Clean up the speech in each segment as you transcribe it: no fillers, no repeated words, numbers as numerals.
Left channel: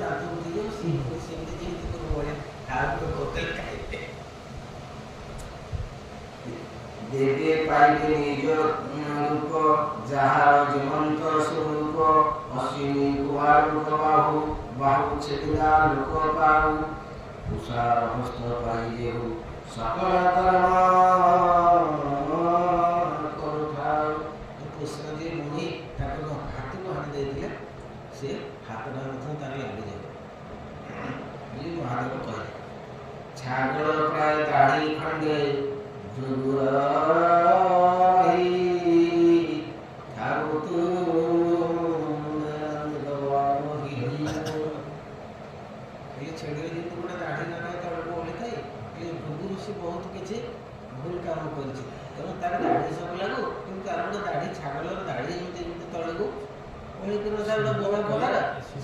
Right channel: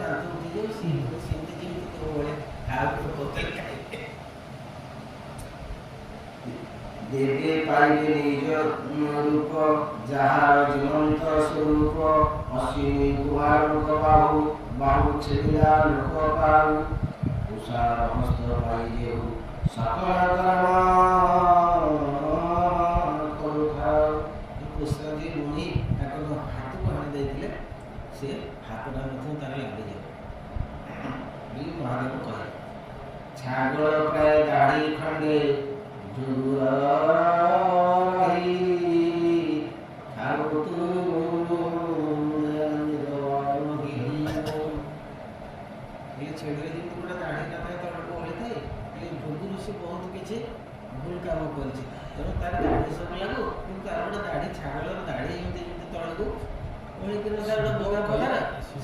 दांत को ସେମିତି ଯେମିତି ତୋ ଭଳିଆ କାହାକୁ ପକେଇ ଖାଇବେ। ଦେବେ ପାଇବେ ନିଜ ରୂପ ଯାହାର ଜୀବନ୍ତ ସ୍ୱରୂପ ଅଶ୍ୱିନୀ ଗୁହା ଲୋକ ବାହୁ ବାହୁ ଛେଦିଲା ଲୋକ ପାଉ ତୁଷାର ହସ୍ତ ପାଇଦେଉ ସକଳ କର୍ମ କରୁଥାଉ। କୃଷ୍ଣ ଯିଏ ମୁନି ତାଙ୍କ ହାତକୁ ହାଣି ଦେଇଥିଲେ ସେ ହାତଟା ମଧ୍ୟ ତାର ଲାଗିଯାଏ ବୋଲି ମହାଦେବ କହେ। ଛାଗଳ ପ୍ରାୟ ଦାଢ଼ି ଖଣ୍ଡେ ଛେଳିରେ ଯେମିତି ଗୋଟେ ଦାଢ଼ି ନଥାଏ ତଳକୁ ଓହଳିଥାଏ, ଭୃଗୁ ଋଷି ବହୁତ କିଛି ଭୁଲ କାମ କରିଛି, ତେଣୁ ତାର ଦାଢ଼ି ସବୁ ଲାଗୁ, କିନ୍ତୁ ତାର ଗୋଟେ ଦାଢ଼ି ଛାଗଳର ଦାଢ଼ି ଏମିତି ଯେମିତି ତଳକୁ ଓହଳିକିନା ତାର ଗୋଟେ ବୋମା ପ୍ରକାର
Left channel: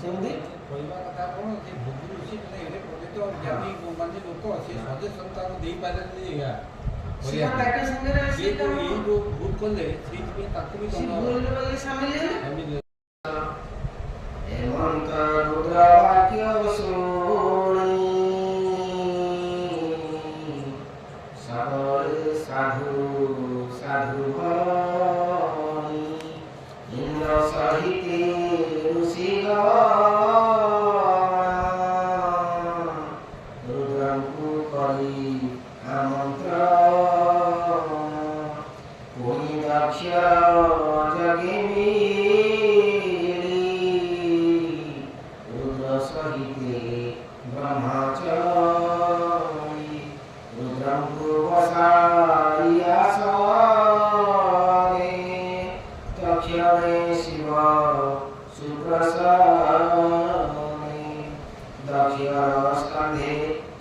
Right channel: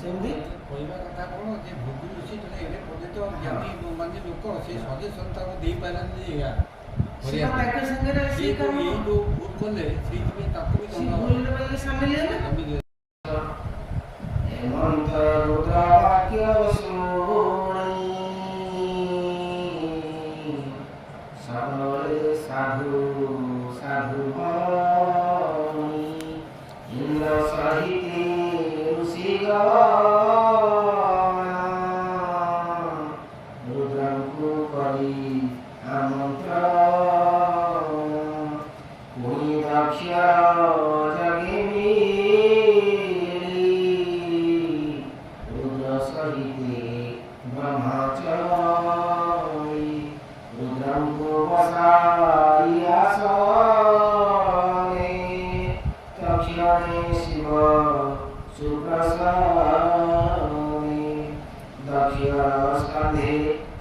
ସେମିତି କହିବା କଥା କ'ଣ ଯେ ଭୃଗୁ ଋଷି ଜଣେ ଏଡ଼େ ପଣ୍ଡିତ ଜ୍ଞାନୀ ମାନେ ଲୋକ ସେ ସଜେସନ୍ ତାକୁ ଦେଇପାରିଲେନି ଏଇ ଯୋଉ ଭୁଲ କଲେ ସେଇଥିପାଇଁ ତାକୁ ବି ସାମିଲ ହେଲେ। ହେମନ୍ତ ରୁଦ୍ର ବାକ୍ୟ ଶୁଣି ସକଳେ ସାଧୁ ସାଧୁ ଭଣୀ ଇନ୍ଦ୍ର ସହିତେ ଋଷିଗଣ ରୁଦ୍ରଙ୍କୁ କରି ଆମନ୍ତ୍ରଣ ପୁଣି ଦକ୍ଷ ଜଗେ ରୁଦ୍ର ସହିତେ ବ୍ରହ୍ମଚାରୀ ରୁଦ୍ରଙ୍କୁ ବସାଇ ଆସନେ ତକ୍ଷଣେ ଶିବ ସୁପ୍ରସନ୍ନେ ଦକ୍ଷର ସ୍କନ୍ଧେ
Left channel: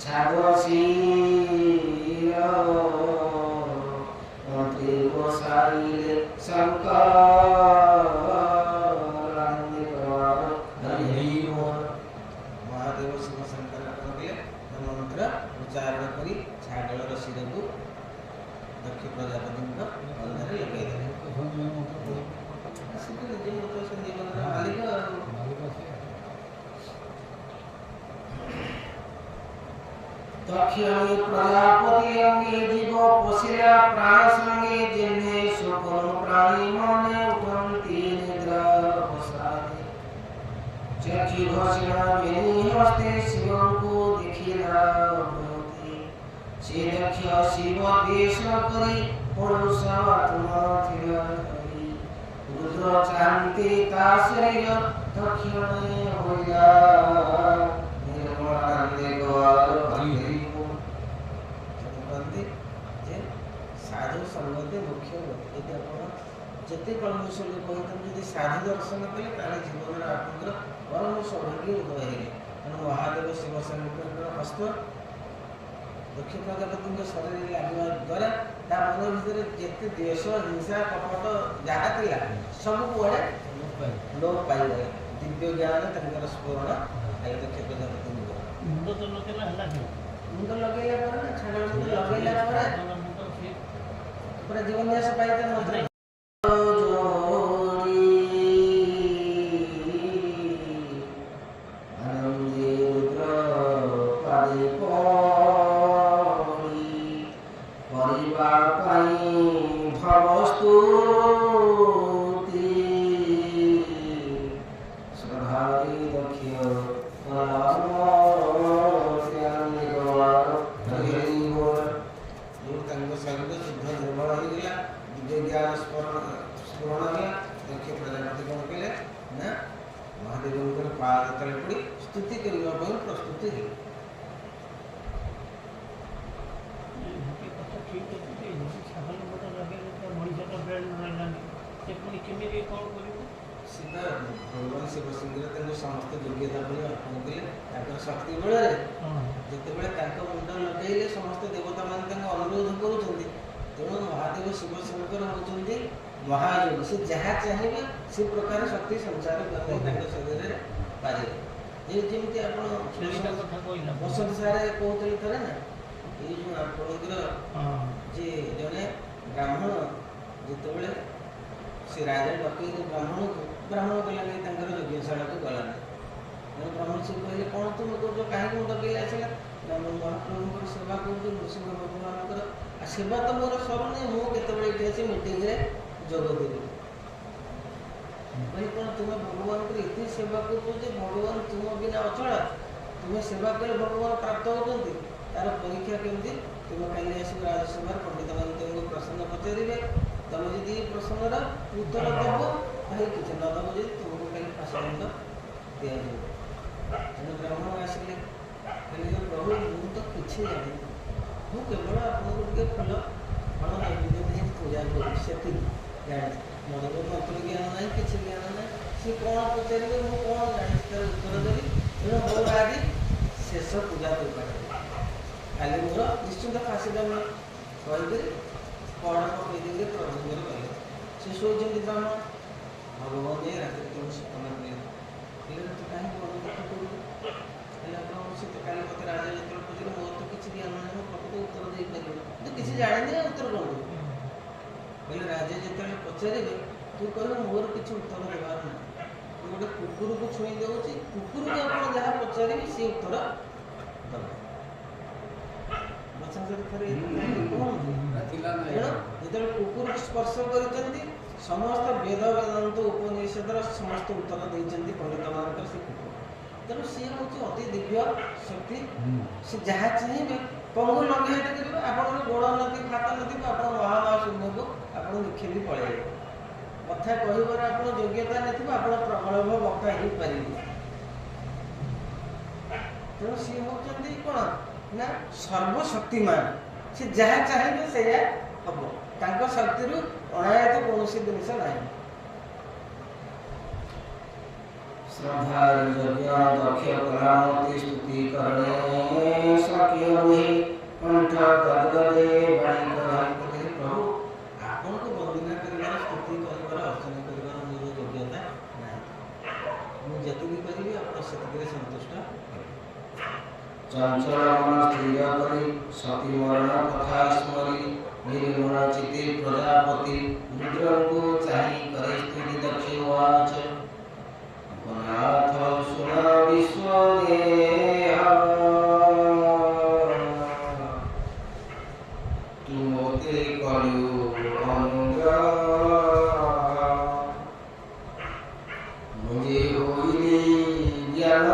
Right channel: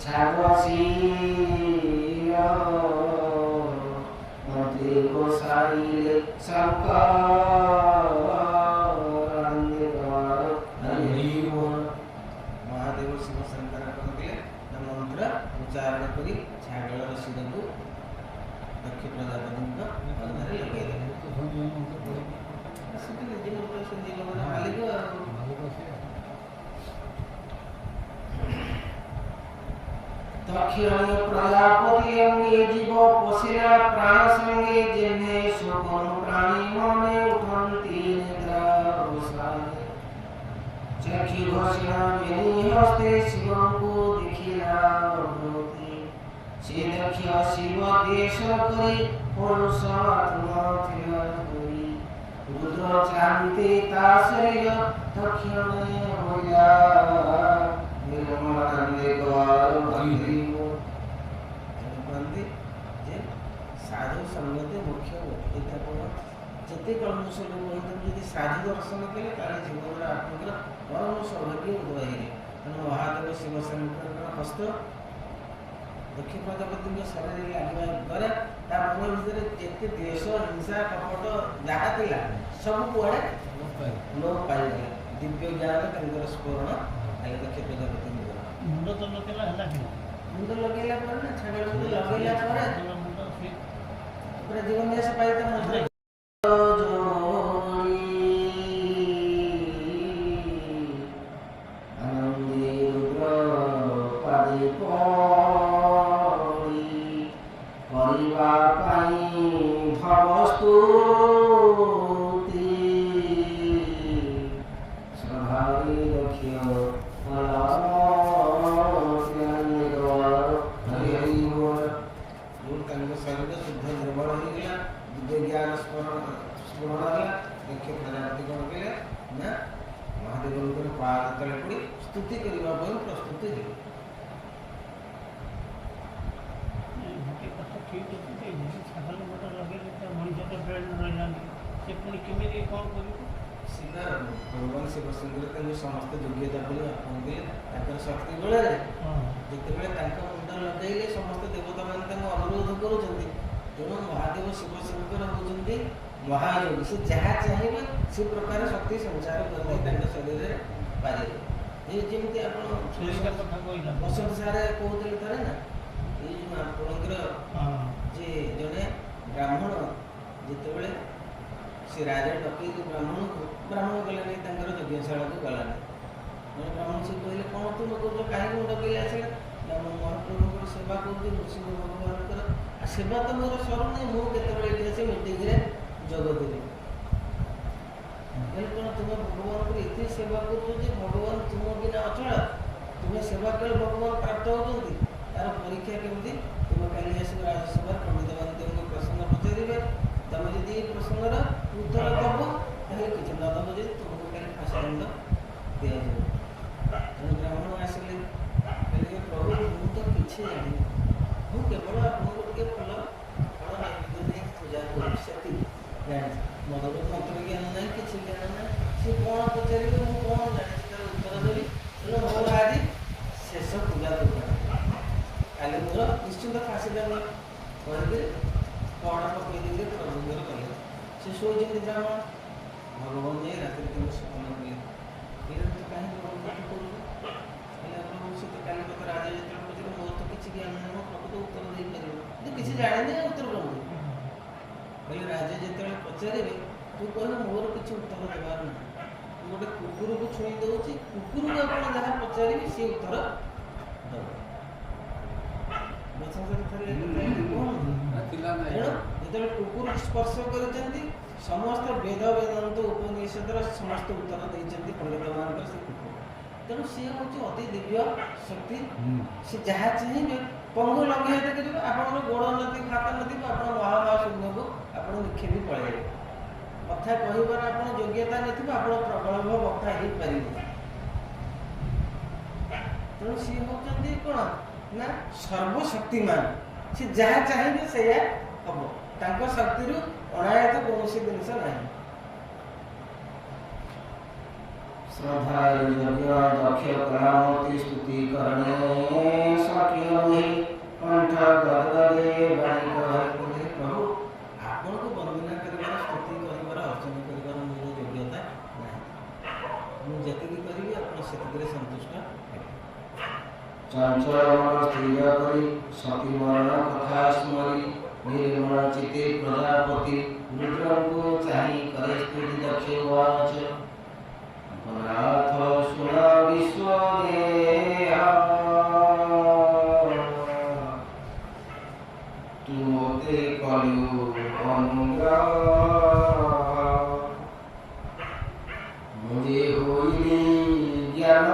ଛାଗ ଶିର ମନ୍ତ୍ରୀ ଗୋସାଇଲେ ମହାଦେବ ଶିବ ଶଙ୍କର କଣ କଲେ ନା ମନ୍ତ୍ର ଉଚ୍ଚାରଣ କରି ଛାଗଳର ଶିରକୁ ଦକ୍ଷ ପ୍ରଜାପତିଙ୍କ ଅନ୍ଧରେ ଲଗେଇଦେଲେ। ଜୀବନର ମାଲିକ ଦକ୍ଷିଣୀ ପ୍ରଜାପତି ଅଙ୍ଗେ ଜୀବ ପଶିଲା ପ୍ରାଣ ସଙ୍ଗେ ଯେହ୍ନେ ଶୋକନ ପ୍ରାଣୀ ମନେ ଉଠନ୍ତି ନିଦ୍ରା ବସାନେ ଚକ୍ଷୁ ଘୋଷଣ ବେନି ହସ୍ତେ ଶିବଙ୍କୁ ଦେଖିଲା ଅବତି ସେ ଦକ୍ଷ ଶିବ ଦେଶ କରି ପରୁଷାତ୍ମା ଥିଲା ଧରି ରୁଦ୍ର ଚାହାନ୍ତି ତା ଶରୀର ଦକ୍ଷିଣେ ହୋଇଲା ଯେ ସାଧୁ ସଙ୍ଗତି ମୁଖ୍ୟ ଯଦି ଆପଣ ଯେତେ କଳମୁଷ ଲୋକ ହେଇଥାନ୍ତି ଯଦି ସାଧୁ ଦର୍ଶନ କଲେ ତାହେଲେ ଜୀବନର ଆପଣଙ୍କର ପରମ ସୌଭାଗ୍ୟ ଉଦୟ ହେଇଗଲେ। ତେଣୁ ମହାଦେବ ଶିବଶଙ୍କରଙ୍କର ହସ୍ତ ଦକ୍ଷ ପ୍ରଜାପତିଙ୍କ ଶରୀରରେ ଲାଗିବା ଦ୍ୱାରା ତା ମନ ଭିତରେ ଯେତେ ଦ୍ୱେଷ ହିଂସା କପଟ ଯାହା ଥିଲା ସବୁ କୁଆଡ଼େ ଲୋପ ପାଇଗଲା। ଦିବ୍ୟ ଜ୍ଞାନ ତାଙ୍କର ସ୍ମରଣ ଆଗେ ଦକ୍ଷ ପ୍ରଜାପତିଙ୍କ ମୁଣ୍ଡ ତ ଲଗେଇଲା ହେଲା ମୁଣ୍ଡ ଲଗେଇଲା ପରେ ନା ଛାଗଳ ମୁଣ୍ଡ ଲଗେଇଲା ପରେ ପୁରା ଜୀବନ୍ୟାସ ପାଇତା ମଧ୍ୟ କରିବା ପାଇଁ ଭବସ୍ତୁତି ସଧାରି ଦକ୍ଷ ତାଙ୍କ ଶରୀର ଶୁଦ୍ଧ ଦୁର୍ବଳ ହେଇଗଲା, ଦିବ୍ୟ ଜ୍ଞାନ ସ୍ମରଣ ହେଲା। ଦକ୍ଷ ପ୍ରଜାପତି କ'ଣ କଲେ ନା ମହାଦେବଙ୍କର ପାଦ ତଳେ ପଡ଼ି ସ୍ତୁତି କରିବା ପାଇଁ ପ୍ରସ୍ତୁତି ହେଲେ। ଶିବ ଭଗବାନ ଶିବଶଙ୍କର ତାଙ୍କୁ ସମସ୍ତ ଯୋଗ୍ୟତା ବୋଲି ଅର୍ପଣ କଲେ ତାଙ୍କର ଶକ୍ତି ବଳରେ। ଯେତେବେଳେ ତାଙ୍କ ମୁଣ୍ଡ ଲଗେଇଲେ ସମସ୍ତ ଦେବତାମାନେ ତାଙ୍କୁ ଅନୁରୋଧ କରୁଛନ୍ତି, ତେଣୁ ମହାଦେବ ଶିବଶଙ୍କର ହେଉଛନ୍ତି ମହାଯୋଗୀ। ସେ ଯାହା ଚାହିଁବେ ସେ ପ୍ରକାର ଶକ୍ତି ସଞ୍ଚାର କରିବେ ତାଙ୍କ ଶରୀରରେ ପାରିବେ। ଯେମିତି ଆପଣ ବସନ୍ତ ସାରେ କହୁଥିଲେ ଥରେ ନା, ଏଇ ଯେଉଁ ଆପଣଙ୍କର ଯେ ଜଣେ ବ୍ରାହ୍ମଣ ଯେତେବେଳେ ସେ ରାଜା ଡକେଇକି ବ୍ରାହ୍ମଣ ଗଲାନି ତାଙ୍କର ଯଜ୍ଞଶାଳାକୁ ଗଲାନି, ବ୍ରାହ୍ମଣ ସେ କହିଲେ କ'ଣ ତୁମେ କରୁଛ, କାହିଁକି ମୁଁ ଡକେଇଲେ ଆସିଲା? ନା ମୁଁ ମହାପ୍ରଭୁଙ୍କର ସେବା କରୁଛି, ନୃସିଂହ ଭଗବାନଙ୍କର, ଆଉ ସେବା ତ ମୋର ସରୁନି, ମୁଁ କେତେବେଳେ ଏଠି ଆସି ମିଟିଂରେ ଯୋଗ ଦେବି। କହିଲେ କ'ଣ ତୁମେ ଭଗବାନଙ୍କର ଏତେ ସେବା କରୁଛ ଯେ ଭଗବାନ ତୁମ ବିନା ଅଚଳ, ତୁମେ ସେବା କଲେ ଭଗବାନ ପ୍ରାପ୍ତ ହେଉଛନ୍ତି, ତାର ପରୀକ୍ଷା କେମିତି? ତୁମେ କାଲି ଆସିବ ରାଜସଭାରେ, ପଣ୍ଡିତମାନେ ତୁମକୁ ପ୍ରଶ୍ନ ପଚାରିବେ, ତୁମେ ଯଦି ଏ ପ୍ରଶ୍ନର ଉତ୍ତର ଦେବ ତାହେଲେ କିଛି ନ ଦେବ ଯଦି ତୁମକୁ କାଲି ଫାଶଦଣ୍ଡ ଦିଆଯିବ। ତେଣୁ ବ୍ରାହ୍ମଣ ଆସିଲେ, କହିଲେ ପ୍ରଭୁ ମୁଁ ତ କିଛି ଜାଣିନି, ମୁଁ କେବଳ ଆପଣଙ୍କୁ ଟିକେ ଫୁଲ ଫଳ ନୈବେଦ୍ୟ ଦେଇ ପୂଜା କରୁଛି, ସେତିକି ଜାଣିଛି, ମୋର ମନ୍ତ୍ର ଜ୍ଞାନ ନାହିଁ, କିଛି ଜ୍ଞାନ ନାହିଁ। ସିଏ କ'ଣ ପଚାରିବେ, ମୁଁ କ'ଣ ଜାଣିଛି ତାର ଉତ୍ତର ଦେବି। ତେଣୁ ମୋର ଆଜି ଶେଷ ପୂଜା ଦରକାର, କାଲି ମୋର ନିଶ୍ଚିନ୍ତ ଫାଶୀଦଣ୍ଡ କହିକରି ପହଡ଼ ପକେଇ ଦେଇକି ପ୍ରଭୁଙ୍କର କଲେ। ସେ ଶୋଇଛନ୍ତି ବ୍ରାହ୍ମଣ, ଭଗବାନ ଯାଇ ରାତିରେ ତାଙ୍କୁ ସ୍ୱପ୍ନ କଲେ, କହିଲେ ତୁ କାହିଁକି ମନ ଦୁଃଖ କରୁଛୁ? କହିଲେ ଆପଣ ସେ ତ କାଲି ମୋତେ ରାଜା ଯେତେବେଳେ ପଚାରିଲେ ମୋର ତ କିଛି ଜ୍ଞାନ ନାହିଁ, ମୁଁ ପ୍ରକୃତ ଉତ୍ତର ଦେଇପାରିବ, ତୁ କିଛି ଜାଣିନି ଉତ୍ତର କ'ଣ ଦେବୁ? କହିଲେ ରାଜା ଯେତେବେଳେ ପଚାରିବେ ତୁ କହିବୁ ମୋର କିଛି ଉତ୍ତର ଦେବାର ନାହିଁ, ମୁଁ ଗୋଟେ କୁକୁରକୁ ଛୁଇଁ ଦେଉଛି, କୁକୁରକୁ ଆପଣ ଯାହା ପଚାରିବେ ସେ ଉତ୍ତର ଦେବ। ଥରେ ଯେତେବେଳେ କୁକୁରକୁ ସ୍ପର୍ଶ କରିଛନ୍ତି ସମସ୍ତ ବେଦ ବେଦାନ୍ତ ଉପନିଷଦର ସମସ୍ତ ଉତ୍ତର ଦେଇଛନ୍ତି ପଣ୍ଡିତମାନଙ୍କର ସେ କୁକୁର। ତେଣୁ ସିଏ ହେଉଛି ଅତି ଦିବ୍ୟ ଶକ୍ତି, ସେ ଯାହା ଚାହିଁବେ ପଙ୍ଗୁ ଲଙ୍ଘିତ କରିବେ, ଆପଣଙ୍କର ଗୋଡ଼ ନଥିବ ହାତ ନଥିବ, ଆପଣ ମହାଶୂନ୍ୟକୁ ଆପଣ ନିକ୍ଷେପି ପଳେଇବେ। କଥା କହିବାରେ ଆପଣ ଯୋଗ୍ୟତା ନଥିବ, ଆପଣ ପ୍ରବଳଭ ବକ୍ତା ହେଇପାରିବେ। ତେଣୁ ସିଏ ହେଉଛନ୍ତି କ'ଣ ନା ସର୍ବଶକ୍ତିମାନ, ସେ ଯାହା ଚାହିଁବେ ସେଇଆ ହବ, ତାଙ୍କ ଶକ୍ତିରୁ ଅଣାୟତ କୌଣସି ଜିନିଷ ନାହିଁ। श्रद्धा यज्ञ दक्ष कलामति स्तुति करणे सख्य हुए कंठ गदगदे बाणी कहे। प्रभु आपनको वंदना करिवार, स्तुति करिवार, अर्चना करिवार मोर योग्यता नाही, मु जतिकि करिवि आपण सेतिकरे संतुष्ट हेबे। चंचल मन स्थिर करी सती मरण कथा स्मरी निर्गुण चित्ते प्रजापति रुद्र को चाहि करे स्तुति दक्ष वाच नाथ सुन विश्व तुमते कलु अंग मुझे होइली ज्ञान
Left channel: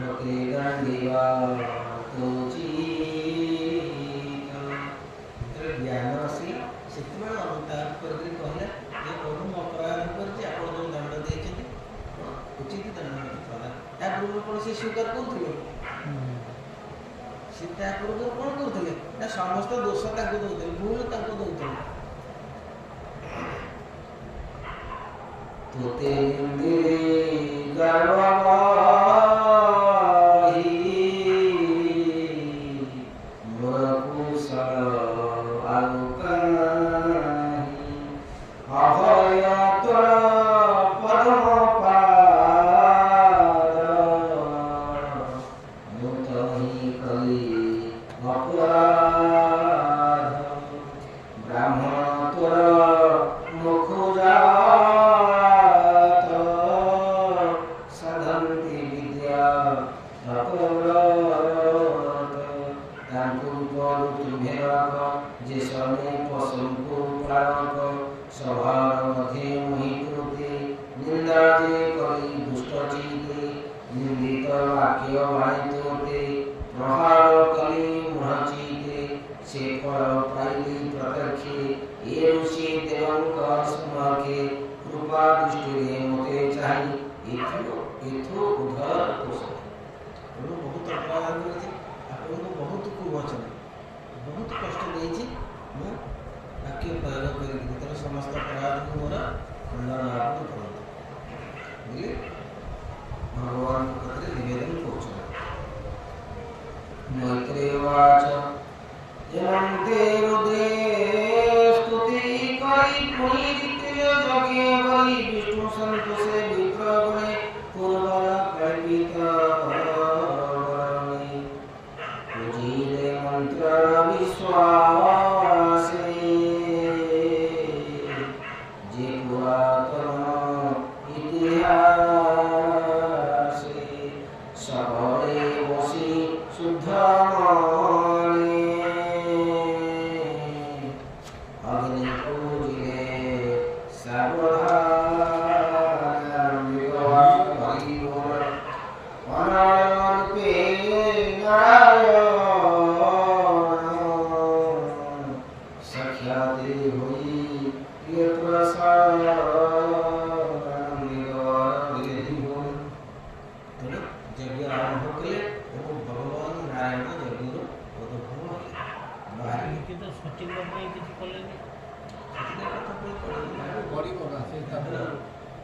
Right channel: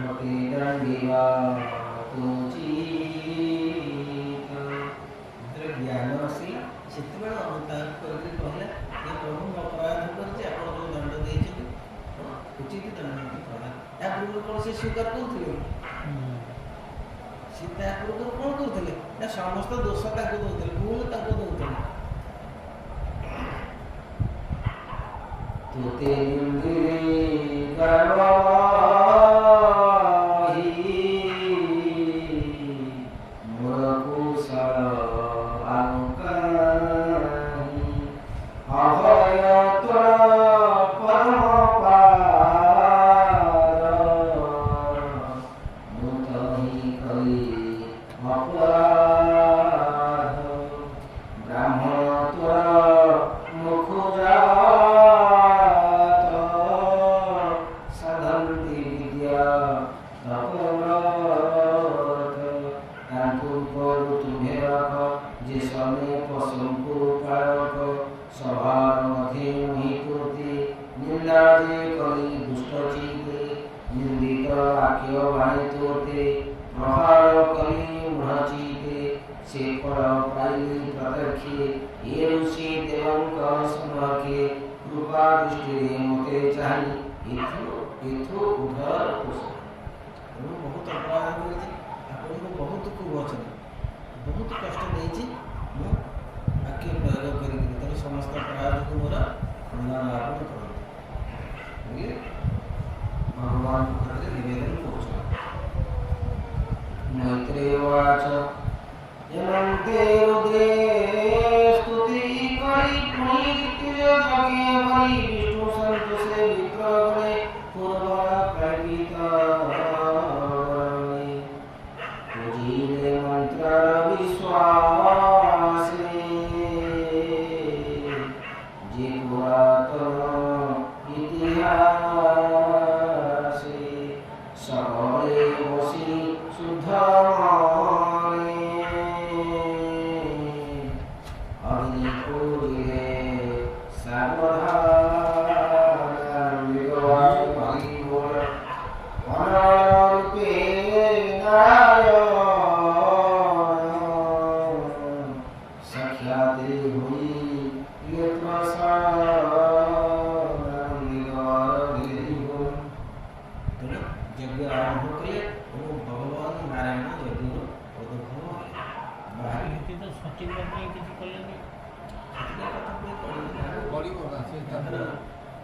मते दंडिवा ज्ञान आसिला सेतबेले अनुताप करके कहले जे प्रभु मैं अपराध करछि, आपण जो दंड देछथि उचित दंड प्रदान। या पूर्व कोन से स्वीकार करथुले, सीता पूर्व कोन करथुले ना समस्त दोष ताको दउथले, भूल ताको दउथले। तोते इंद्रे गर्ववाही मुरकुशल आनुकाही अभय त्वर पद्म पार मुतहि कली अपराध ब्राह्मण त्वर मुखुजा बहुत अपराध करेছি, ଆପଣଙ୍କୁ ବହୁତ କୁବଚନ ବହୁତ କଷ୍ଟ ଦେଇଛି, ମୁଁ ବାକ୍ୟ ପ୍ରୟୋଗ କରିବି, ତେଣୁ ସମସ୍ତ ଅପରାଧକୁ ମୋର ଖଣ୍ଡନ ଆପଣ କରନ୍ତୁ ବୋଲି ଭଗବାନଙ୍କ ପାଖରେ ନିବେଦନ କରୁଛନ୍ତି। मैत्रेवाच यमन्ते रुद्रे स्तुति करि पुनीरित्य जगे बलि विष्णु संतोषे विप्रगणे पूर्वर कल्पित वरणे पूजिले मंत्र विश्वासे जे पुरा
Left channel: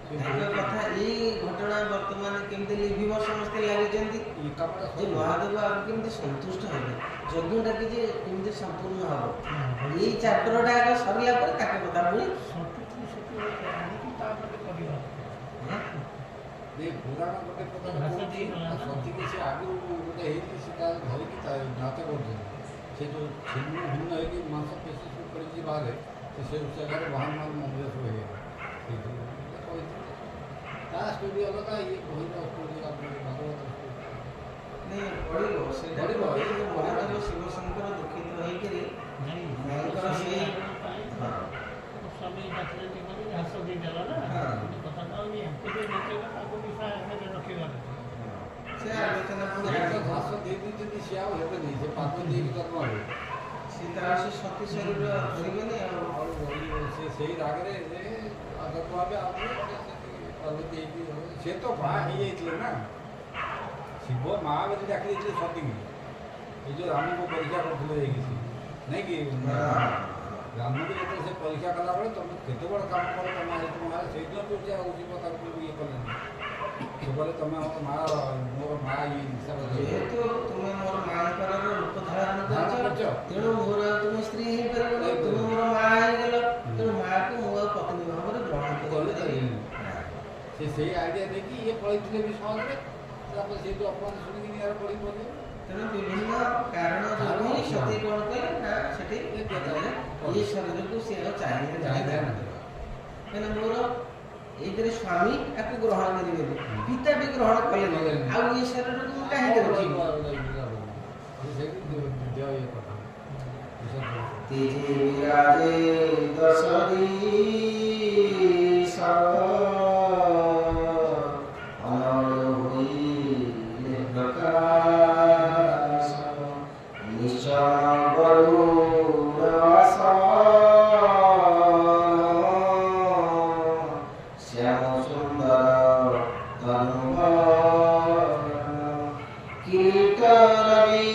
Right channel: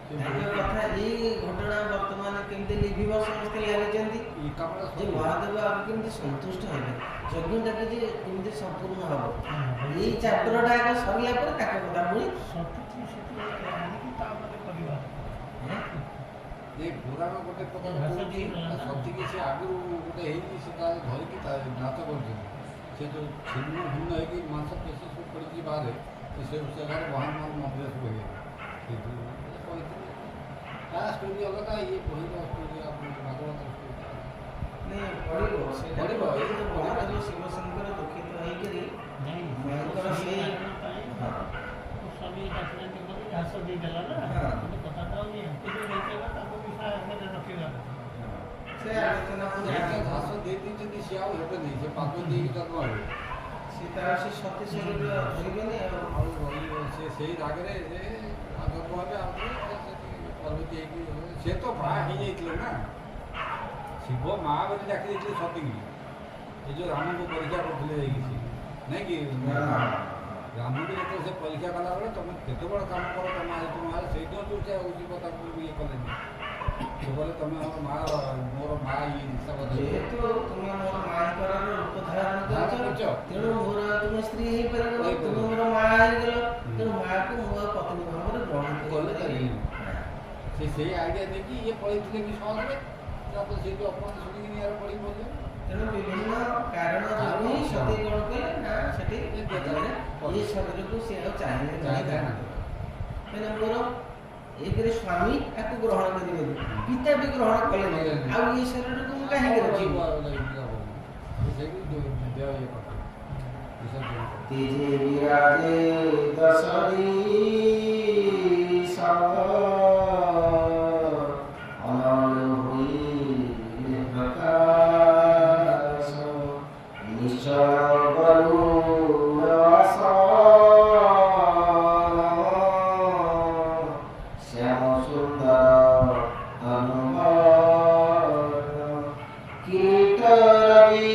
ତାଙ୍କ କଥା ଏଇ ଘଟଣା ବର୍ତ୍ତମାନ କେମିତି ଲିଭିବ ସମସ୍ତେ ଲାଗିଛନ୍ତି ଏ କାମଟା ଯେ ମହାଦେବ ଆଉ କେମିତି ସନ୍ତୁଷ୍ଟ ହେବେ, ଯଜ୍ଞଟା କିଛି କେମିତି ସମ୍ପୂର୍ଣ୍ଣ ହବ। ଏଇ ଚାପ୍ଟରଟା ଆଗ ସରିଲା ପରେ ତାଙ୍କ କଥା ପୁଣି ଏ ପୁରାଣ ଗୋଟେ ପ୍ରକାର କହୁଛି ସତୀକି ସେ ଆଗରୁ ଗୋଟେ ହେଇକି ସେ ତା ଧରିକି ତା ନାଚ କରୁଛନ୍ତି। ସେ ଯେଉଁ ଛିନ୍ନ ଭିନ୍ନ ହେଇକି ମାଂସ ପେଶୀ ସବୁ ପଡ଼ିକି ବାହାରେ ସେ ଜାଗାରେ ବାହାନ ମନ୍ଦିର ସବୁ ହେଇଗଲା। ସେଇଥିରୁ କହିଥିଲେ ତା ଷ୍ଟୋରି ଅଲଗା, ଇଏ ବହିର ଷ୍ଟୋରି ଭାଗବତ ଷ୍ଟୋରି ନାଇଁ ପଡ଼ିବ ସେଇଟା ପଡ଼ିବ। ଏଇ ଯେଉଁ ମହାଦେବ ଶିବଶଙ୍କର ଦୁଃଖିତ ହେଇକରି ତାଙ୍କର ସେଇ ସ୍ୱାମୀ ଡାକିନାହାନ୍ତି ବୋଲି ଘାସ ଦେଇଦେଲା ନା, ଗୋଟେ କଥାଟା ହଉଛି ଏମିତି ଦେଇଦେଲା ତାକୁ ବିଷୟ ଆଗରେ ରଖିବାର ସେ ଆଲୋଚନା ପୁଣି ଘାସ ଦେଇ ଦେଇଛନ୍ତି, ସିଏ ଆଉ ହେବେନି, ସେ ପାଗ ଦେଇକି ଜନ୍ମ ହେବେ। ସେ ତାର ସେ ସତୀ ଶରୀର ଧରିବେନି ଆଉ ଆଉ ସେ ସେଇ ରାଗରେ ଜନ୍ମ ହେବେ ଆଉଥରେ ପାର୍ବତୀ ହେଇକି ସେ ତ ବାହା ହେଇଯାଇଥିଲେ ନା। ଶିବ ମା ବୋଲି ଡାକି ଦେଇଥିଲେ ସତୀକି, ଏ ଯେଉଁ ରାମଙ୍କୁ ପରୀକ୍ଷା କରୁଥିଲେ ଯାଇକି ସେ ନାଇଁ କି ରାମକୁ ଯେତେବେଳେ ସେ ପରୀକ୍ଷା କଲାବେଳେ ତମେ କେତେ ବଡ଼ କାମ କର ତମ ମା ସେଇଦିନ ଯୋଉଠି ଆଉ ଯିବ ତାକୁ ଇଏ କଲେନି। ସେ କହିଲେ ତମେ ଆମର ମା ମୋର ମା ଇଏ ହିସାବରେ ଯେହେତୁ ତୁମେ ମୋର ମାଙ୍କର ରୂପ ଧାରଣ ଧାରଣ କରିଛ, କରିଛ। ତେଣୁ ମୋର ତୁମେ ସ୍ତ୍ରୀ ହେଇପାରିବନି, ତୁମେ ମୋର ମା ହେଇଗଲ, ତେଣୁ ମାକୁ ମୁଁ ଆଉ ପତ୍ନୀ ଭାବରେ ଗ୍ରହଣ କରିପାରିବି। ସେ ସେଇ ଆଇଡ଼ିଆ ଦେଇକି ଇଏ ପଳେଇଥିଲେ ବି ସହଜରେ, ତାପରେ ସେଇଠୁ ଅପମାନ ଶୁଣିକି ନିଆର ପଡ଼ିକି ପଡ଼ିଲେ। ତେଣୁ ବିଭିନ୍ନ କାରଣ ଯୋଗୁଁ ହିଁ ସତୀ କ'ଣ କଲେ ନା ସେଠି ଇଏ ଶରୀରକୁ ସେ ଆଉ ଚାହିଁଲେ କାହିଁକିନା ମୋର ଏକରେ ସ୍ୱାମୀ ଆକୁ ଗ୍ରହଣ କରିବେନି, ପିତା ବି ଗ୍ରହଣ କଲେନି, ଆଉ ଇଏ ଶରୀରକୁ ମୁଁ କାହିଁକି ରଖିବି। तेजे विराजे दशरी अमर हुई प्रकाश निश्चल गरुड़ास श्याम सुंदर तनुवर किरीट रवि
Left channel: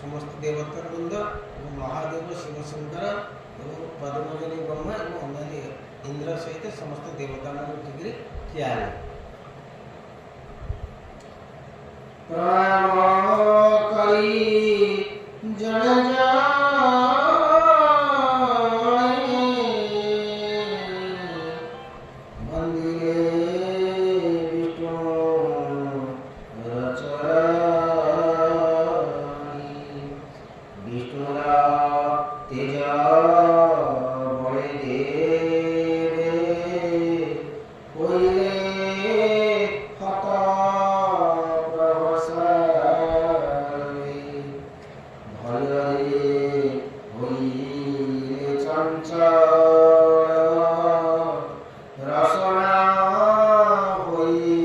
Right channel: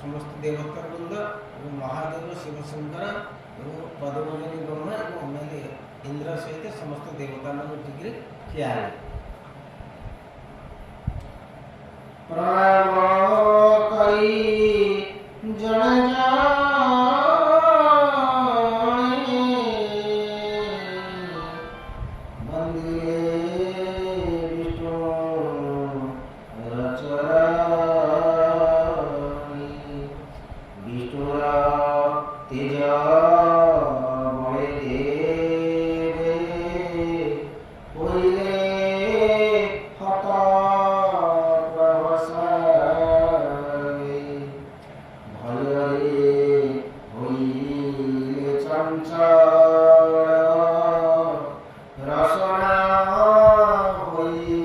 ସମସ୍ତ ଦେବତା ବୃନ୍ଦ ଏବଂ ମହାଦେବ ଶିବଶଙ୍କର ଏବଂ ପଦ୍ମଜନୀ ବ୍ରହ୍ମା ଏବଂ ଅନ୍ୟାନ୍ୟ इंद्र सहित समस्त देवता मान उठिक ठिया हेले प्रणाम करी जन जाने मंदिरे विष्णु रचरानी विष्णुरा तेज बड़े देवे कोइले हत प्रभसारे भୟରେ ହୋଇଲେ ଚଞ୍ଚଳ ରସନା ହୋଇ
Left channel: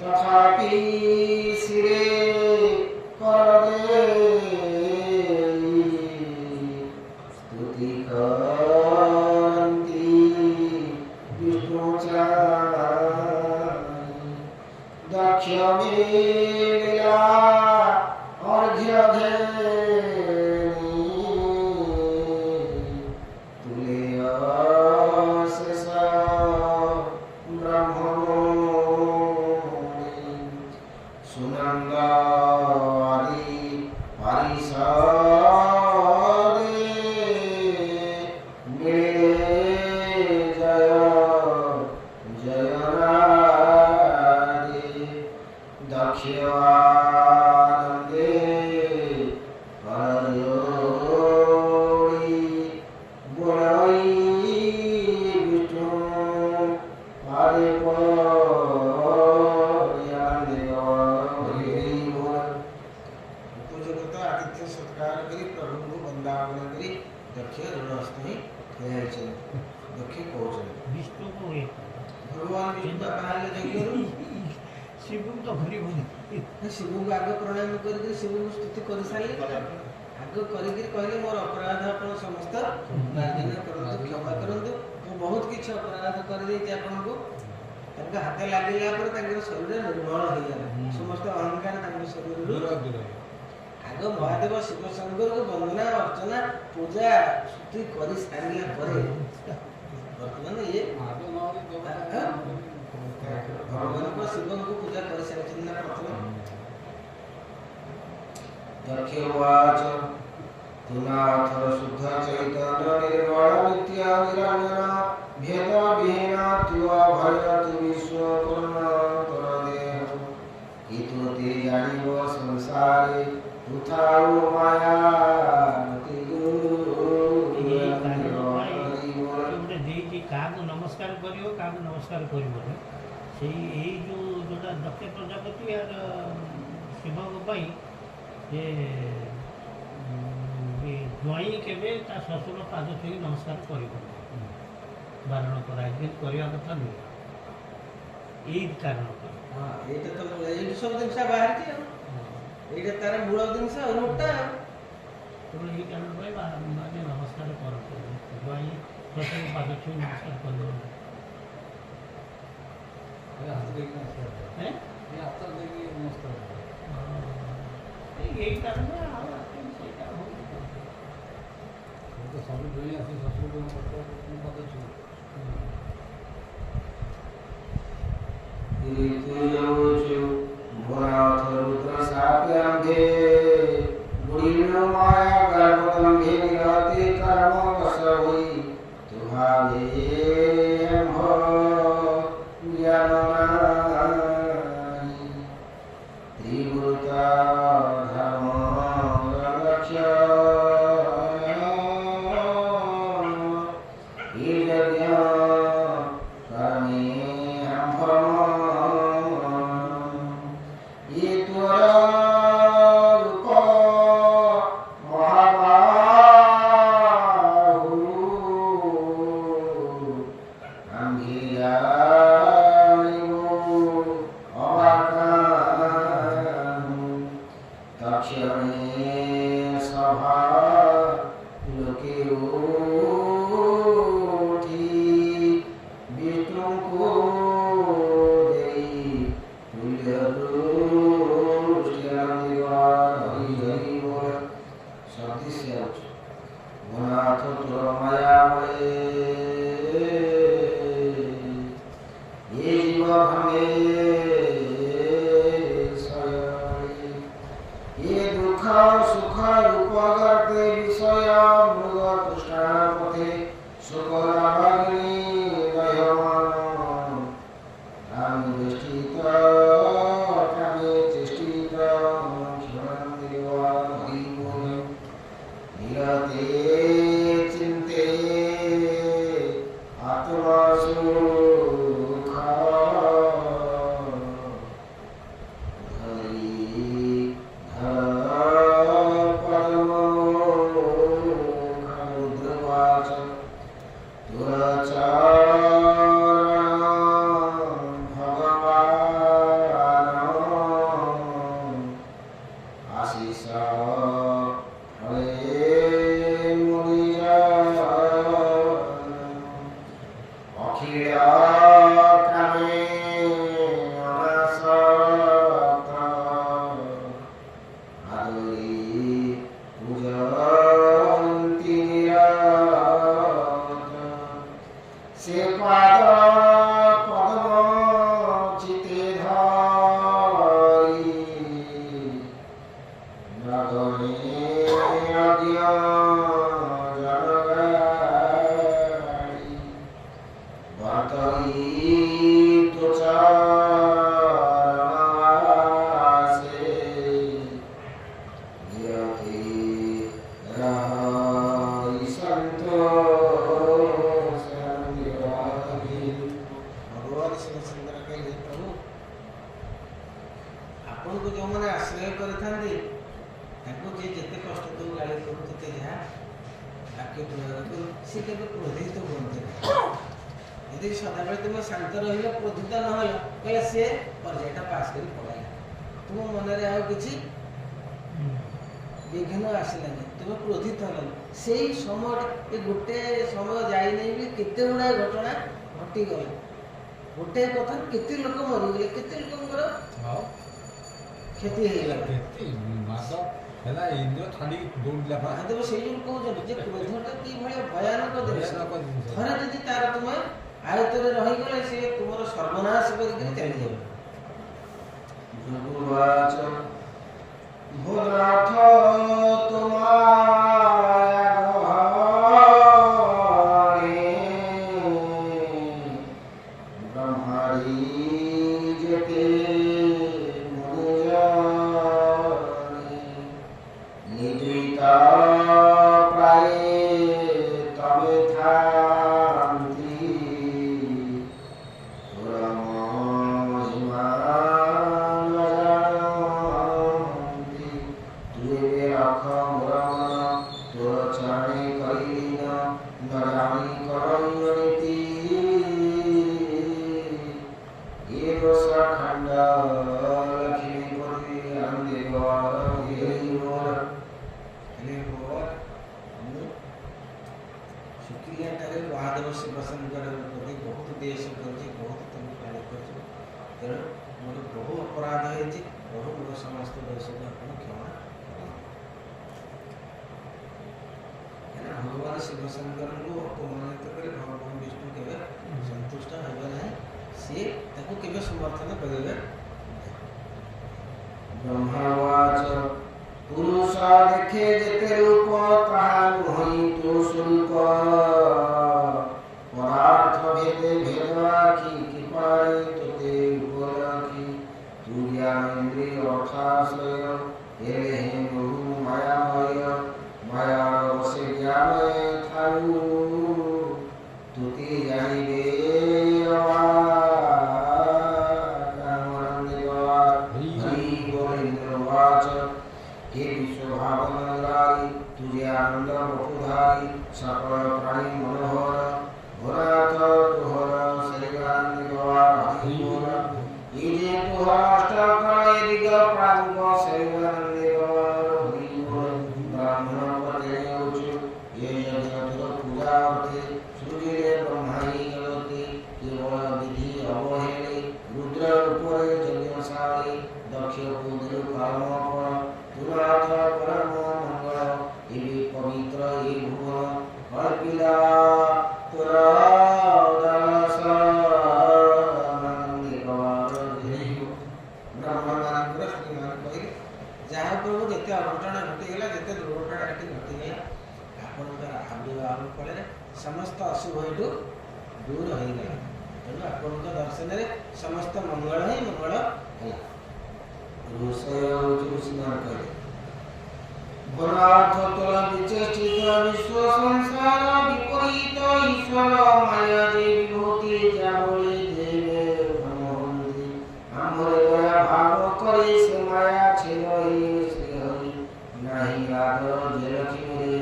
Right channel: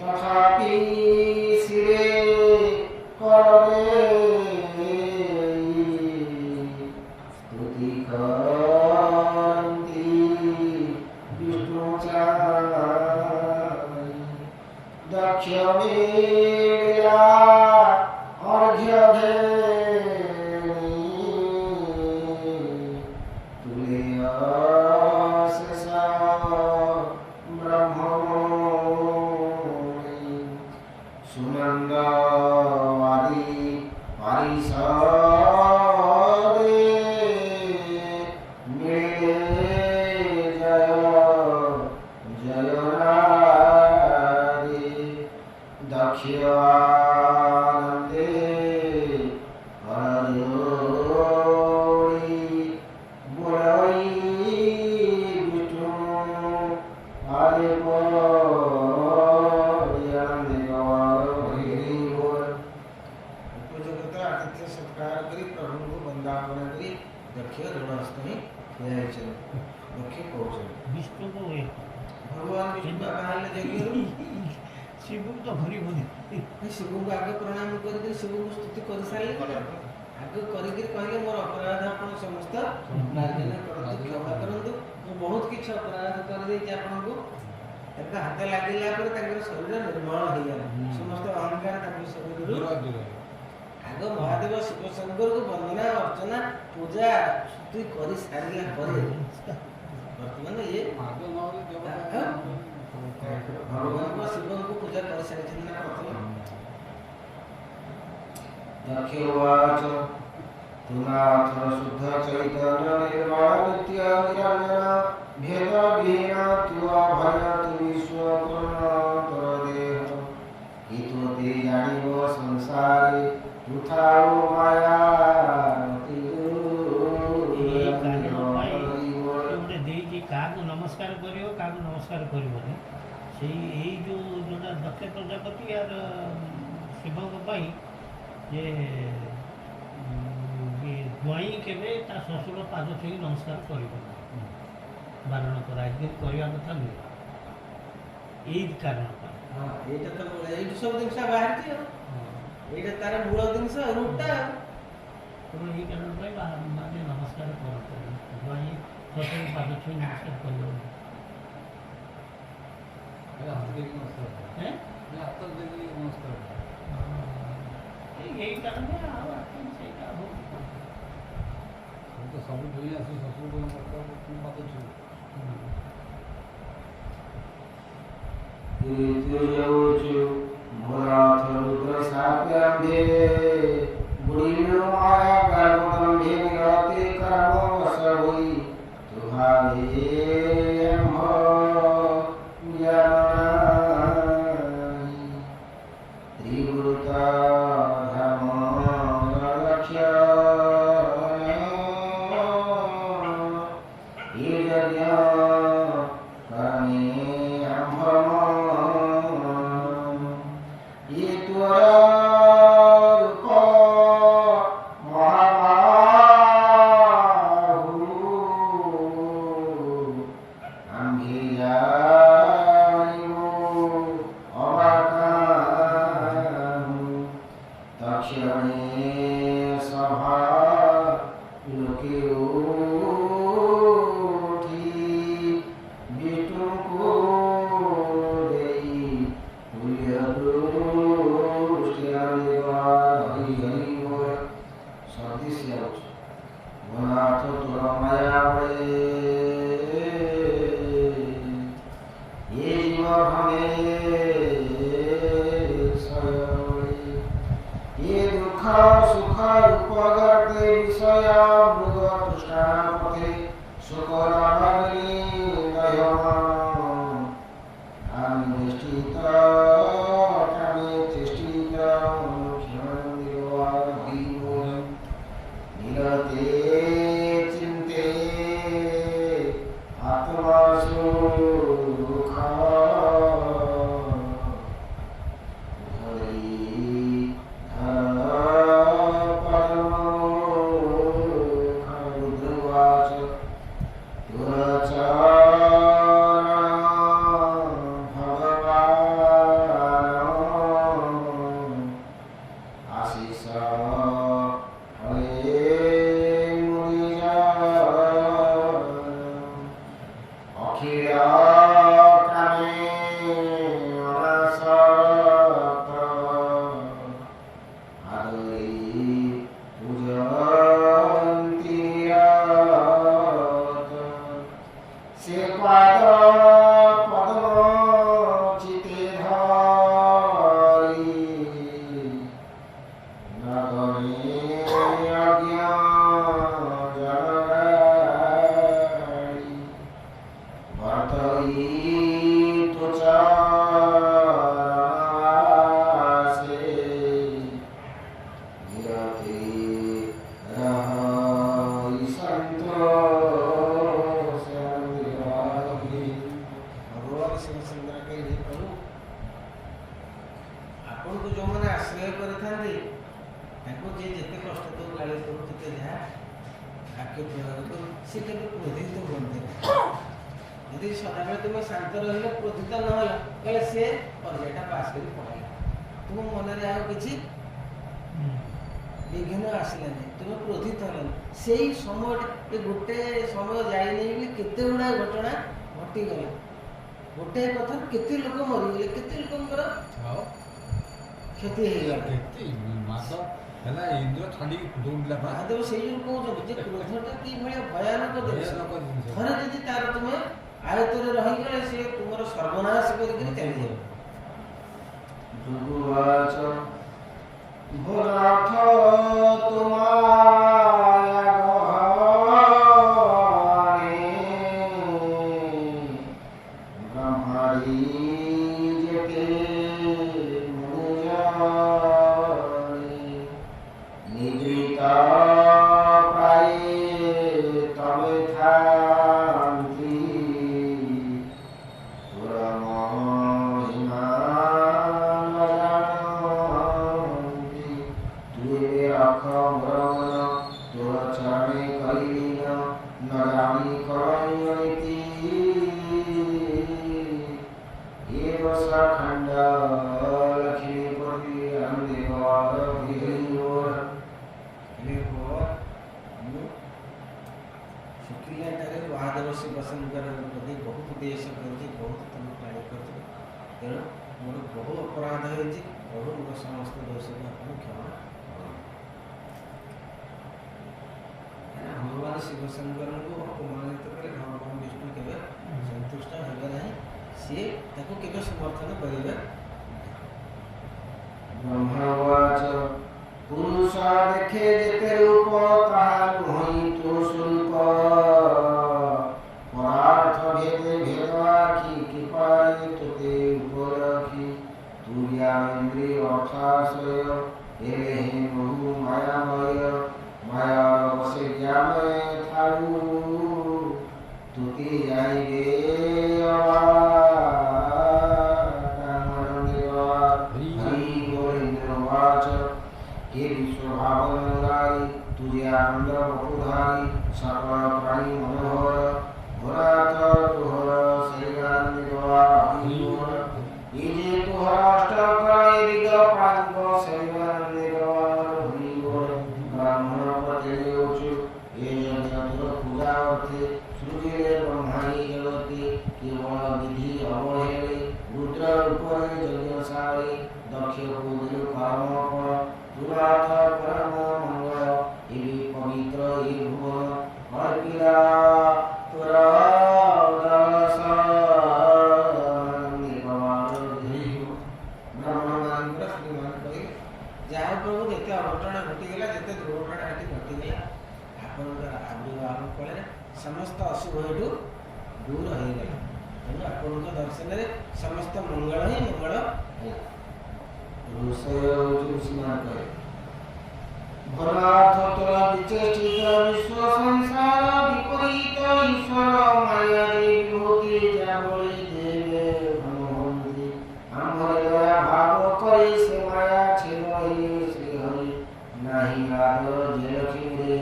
ତଥାପି ଶିରେ କରେ ସ୍ତୁତି କରନ୍ତି ବିଷ୍ଣୁ ଦକ୍ଷ ମିଳିଲା ଅର୍ଘ୍ୟ ଘେନି ତୁଲେ ଅଶେଷ ବ୍ରହ୍ମମଣି ସୁନନ୍ଦ ଆଦି ପାରିଷଦେ ମିଳେ ଜୟ ଜୟନାଦି ଦକ୍ଷ ଆନନ୍ଦେ କରଜୋଡ଼ି ବୋଲାଇ ବିଷ୍ଣୁ ଆରେ उपजगत आतिथ्य सत्कार करी प्रभु को वंदावन करी दक्ष ऋणस्थ ही ठिया दक्ष कहते विष्णु को हुए भगवान विष्णु कहले जगियो शिव तो भरी भरी शिव को आगे प्रणाम करके शिव को स्तुति कर सारे आगे करके कहले मोर अपराध आपण समस्त मार्जन करंतु क्षमा करंतु मु बहुत किछ अपराध कर देती आपन को तक हाथ लागिला पर तंगर शरीर निर्मल हो गया समस्त अहंकार तंगर शरीर दूर दूर आगे महादेव शिव शंकर को वंदना अर्चना पूजा स्तुति कर सारिला परे वर्तमान ये महादेव नवरी देवता भगवान को शिव को पूजा कर सारी ना प्रथम दक्षवाच तुनाथ शुद्ध चैतन्य निर्मल नित्य निरंजन भेद विहीन तु अभय तु विश्व पूर्णांतर देह कि तु ते जानिब संसारे तुथाउ माया ଗୋଟେ ଦେଇଛି କାହାକୁ ନମସ୍କାର କରିବ କାହାକୁ ନମସ୍କାର କରିବନି ସେଇ ଏଇ ଯେଉଁଟା ଦକ୍ଷ ପ୍ରଜାପତି ଆର ଶିବଙ୍କ ପାଇଁ ଯେ ଜ୍ୱାଇଁ କେବେ ତା ଶ୍ୱଶୁର ପାଦ ଛୁଇଁ ନମସ୍କାର କରିବନି ବାରଣ କରାଯାଇଛି କରିବା କଥା ନୁହେଁ ଏଇ କାରଣ ପାଇଁ हाँ एटा तो एई सब जिनसा बाहर थी एटा तार मूल जिनसा रूटा ତେଣୁ ଏଇ କାରଣ ପାଇଁ ମାନେ ନମସ୍କାର କରନ୍ତୁ ଜ୍ୱାଇଁ ଶ୍ୱଶୁର ପାଦ ଛୁଇଁ ନମସ୍କାର କରିବନି हाथ देखी नमस्कार ହେଁ ये हाथ देखी नमस्कार यही कारण है ସେଇଟା ବହୁତ तो सब दुई आसी ससुर को नमस्कार तुम पता छु भूनाथ रुद्र साप्यंधे बुढ़ीनो माया गर्भगंभीर निरते कर्म वश हुई तुहावे अम्भ ज्ञान नाही त्रिगुरुता धर्म लक्ष्य ये यज्ञ कर्मे ये त्वरा रूप महाबाहु अंगियायो अवाकानु दक्षिणे सभा लोके उठी विष्णु को देई तुल्य পুষ্টাপথে শুকলাগ্নি দহমান আমি বেষ্টিত কামে চেষ্টিত নীরতে চিন্তে আত্মা সুখ ଆପଣଙ୍କୁ ଯେଉଁମାନେ ଆଶ୍ରୟ କରିଥାନ୍ତି ତାଙ୍କୁ ଯିଏ ଯେତେ କଷ୍ଟ କରୁ ଗାଳି କରୁ ଯେତେ ଯାହା ବାକ୍ୟ ପ୍ରୟୋଗ କରୁ ସେ କେବେ କ୍ରୋଧିତ ହୁଅନ୍ତି ଯଦି ସଦାବେଳେ ତୁମେ ଶାନ୍ତ ରହିଲ କ୍ରୋଧିତ ନ ହେଲ କହିଲେ ସେ ପର୍ଯ୍ୟାୟଟା ପାସ୍ କରି ପଳାଇଲା ତୁମ ମନରେ ଆଉ କିଛି ବିଘ୍ନ ଆସିଲାନି ତୁମେ କ୍ରୋଧିତ ହେଲନି ସେଇ ସମୟଟା ଏ ଗୋଟେ ସମୟ ଯାଇନାହିଁ ବୋଲି କେତେ ଗୁଡ଼ାଏ ଘଟଣା ଘଟିଗଲା ଗୋଟିଏ କଥା କେତେ ଲୋକ ମରିଗଲେ କେତେ ଲୋକଙ୍କର କ୍ଷତି ହେଇଗଲା ହେଲା ଇନ୍ଦ୍ର ଛାଡ଼ିକି ଦୌଡ଼ିଲା ମହାଦେବ ସେଇ ଯୋଉ କହୁଛନ୍ତି ଯେ କ୍ରୋଧଟା କିଭଳିଆ ଭୟାନକ ଜିନିଷ ଥରେ ଯଦି ତାର ତୁମେ ଆୟତରେ ରହିଗଲେ ସେ ତୁମର ସର୍ବନାଶ କରିକିରି ଚାଲିଯିବ ଭୃଗୁବାଚ ଭୋଲାଥ ବ୍ରହ୍ମାରୀ ଯେତେ নিদ্রিতা প্রায় তবে থান্তি তোরা মহিমান্তি তুই রাখ মরণ তোর চরণে করিলিন ন জানি করণীতি এ বসা খণ্ড লক্ষ্মীপতি আন্দেবর शुक्रियाटारे महादेव शिव शंकर प्रति बहुत देश कर बहुत तुम कार्य कर तेणु मोर बहु अपराध हो बहु मोर समस्त दोष को आप क्षमा भगवान शिव शंकर को अपमानित कर भगवान विष्णु केवे संतुष्ट होगा नहीं सी केवे समर्थन करेंगे ब्रह्मवाच पुरुष देखे जेते रूप ताहा नुहि तो स्वरूप पदार्थ भेदे भेदवाखी कृपाई तोते उपराखी तू ज्ञान इंद्रिय अर्थाश्रय हेले हे बहु मायामय माया बसे ज्ञान थारु तुते जानिबे हे विश्वभावनराई तुझे आनंद बपुधारी सकल प्राणी मनोहर भरात तुहर शरीरान्वित ये जे तुहर अष्टकरण दिग प्रांग शरीरान्वित ब्राह्मण पते उच्च ये जगत पूजा अर्थे सूर्य ब्रह्माणी जगति केवल विधि अवहेले रुद्र रूपरे यज्ञशाली दक्ष कुंदल कर्मफल दुराथ परम मंगल एवं पवित्र ए भुवन अर्पिला तुरा दास नंदी भगवान ब्राह्मण मानकर श्रीमान कहे जहाँ प्रभु जिते अघटना घटीगला जिते दुर्घटना घटी घटीगला आपणकर ଆବିର୍ଭାବ ଫଳରେ ସମସ୍ତ ଅଶୁଭ ଏଠୁ ଦୂର ହୋଇଗଲା। ତେଣୁ ଆପଣଙ୍କ ଦର୍ଶନରେ ସମସ୍ତ ମଙ୍ଗଳ ହିଁ ମଙ୍ଗଳ ହେଲା। ଋଷୟ ହେଉଛି ଋଷିମାନେ କହିଲେ ଭରାର୍ଥ ତୋଳା ବିଚେଷ୍ଟିତ ବିଶ୍ୱ ସଂସାର ବିପରୀତ ଈଶ୍ୱର ମାୟା ଯେ ବିଭୂତି ଯାବଳି ଦେବେ ଘନ ହୁଅନ୍ତି ଆମ୍ଭରେ ଦୟା ଭାବ କରି ସେ ମାୟା ଛେଦ ହିଁ ଶ୍ରୀ ହରି ନାହିଁ ଆଦ ଯେ ଲକ୍ଷ୍ମୀରେ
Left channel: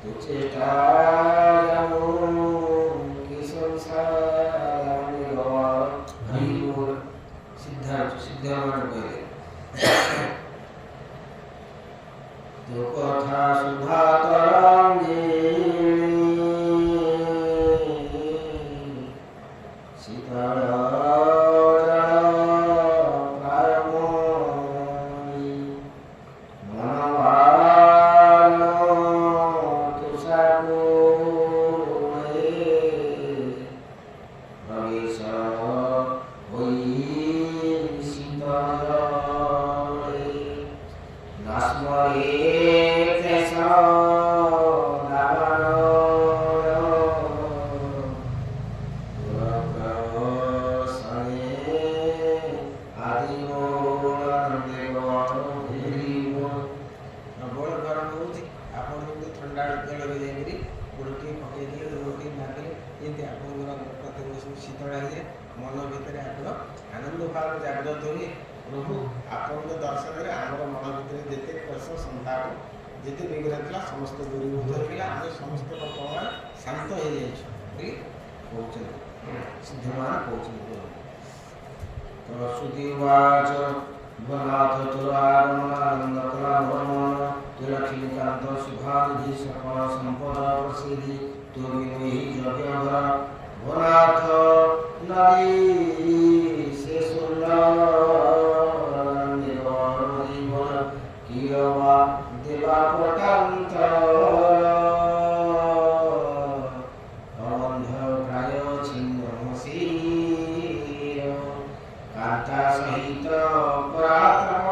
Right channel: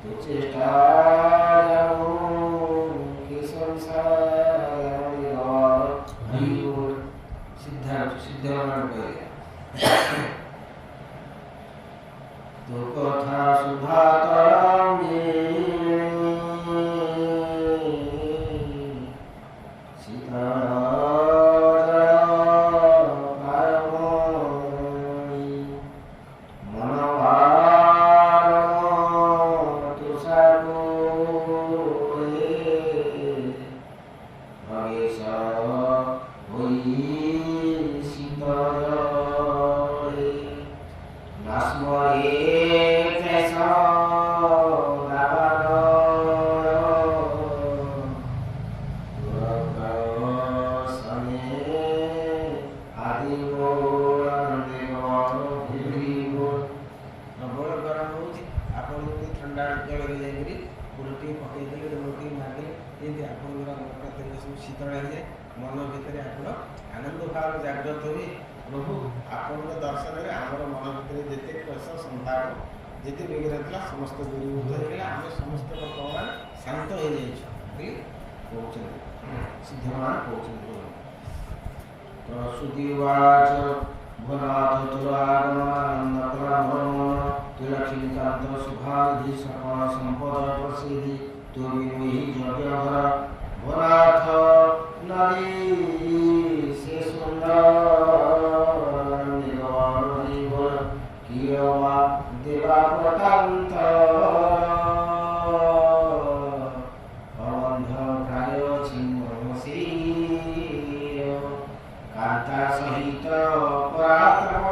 ତୁ ଚେଷ୍ଟା ଯାଉ କି ସଂସାର ହରି ବୋଲ ସିଦ୍ଧମାନେ କହିଲେ ତୋ କଥା ସୁଧା ତରଙ୍ଗେ ଶୀତଳ ଶୀତଳ ହେଇଯାଏ ମନ ଭିତରେ ଆପଣ ଆନନ୍ଦ ଭାବ ଜାଗ୍ରତ ହୁଏ। ପ୍ରଭୁ ଆପଣଙ୍କ ଦର୍ଶନରେ ଆମର ମନ ଭିତରେ ଯେତେ କ୍ଲେଶ ସନ୍ତାପ ଯେତେ ବିଗ୍ରହ ଥିଲା ସମସ୍ତ ଦୂରୀଭୂତ ହେଇଗଲା। ଆମେ ସମସ୍ତ ବର୍ତ୍ତମାନ ଶାନ୍ତ ହେଇଯାଇଛୁ ବୋଲି କହୁଛନ୍ତି ସିଦ୍ଧମାନେ କହୁଛନ୍ତି। ପ୍ରସୂତି ବାଚ ଭନାଥ ତୁରାଗମନ ତୁଳକ୍ଷୀକାନ୍ତ ଶୁଭାନିଧି ସକଳ ସମ୍ପଦ ପ୍ରସିଦ୍ଧି ତୁ ବିନୋହି ଯଜ୍ଞ ভোলাথ নারী সে সুন্দর নিগল কিয়বা দেবা প্রতান্ত অবন্ধ প্রায় ছিন্নসী কান্তা সহিত পরাক্রম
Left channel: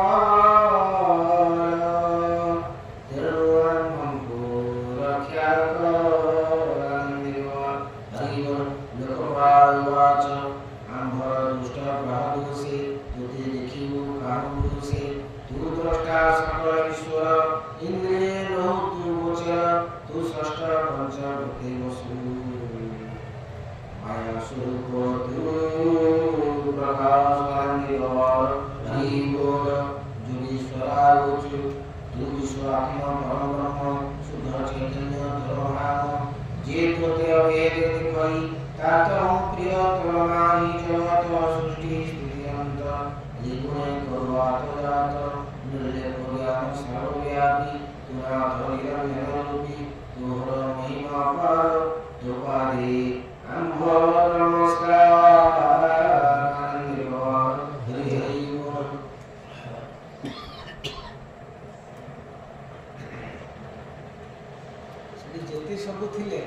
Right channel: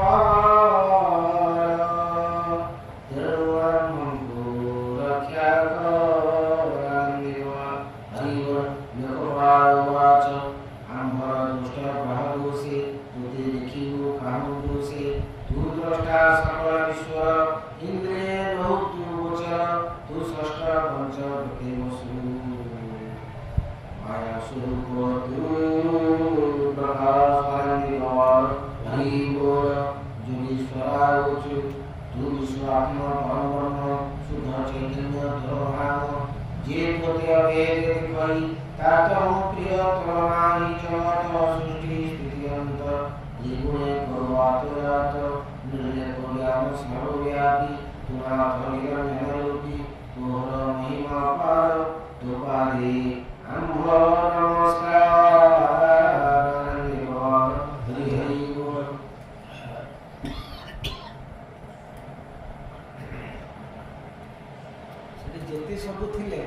ଯେତେ ସବୁ ଥିଲେ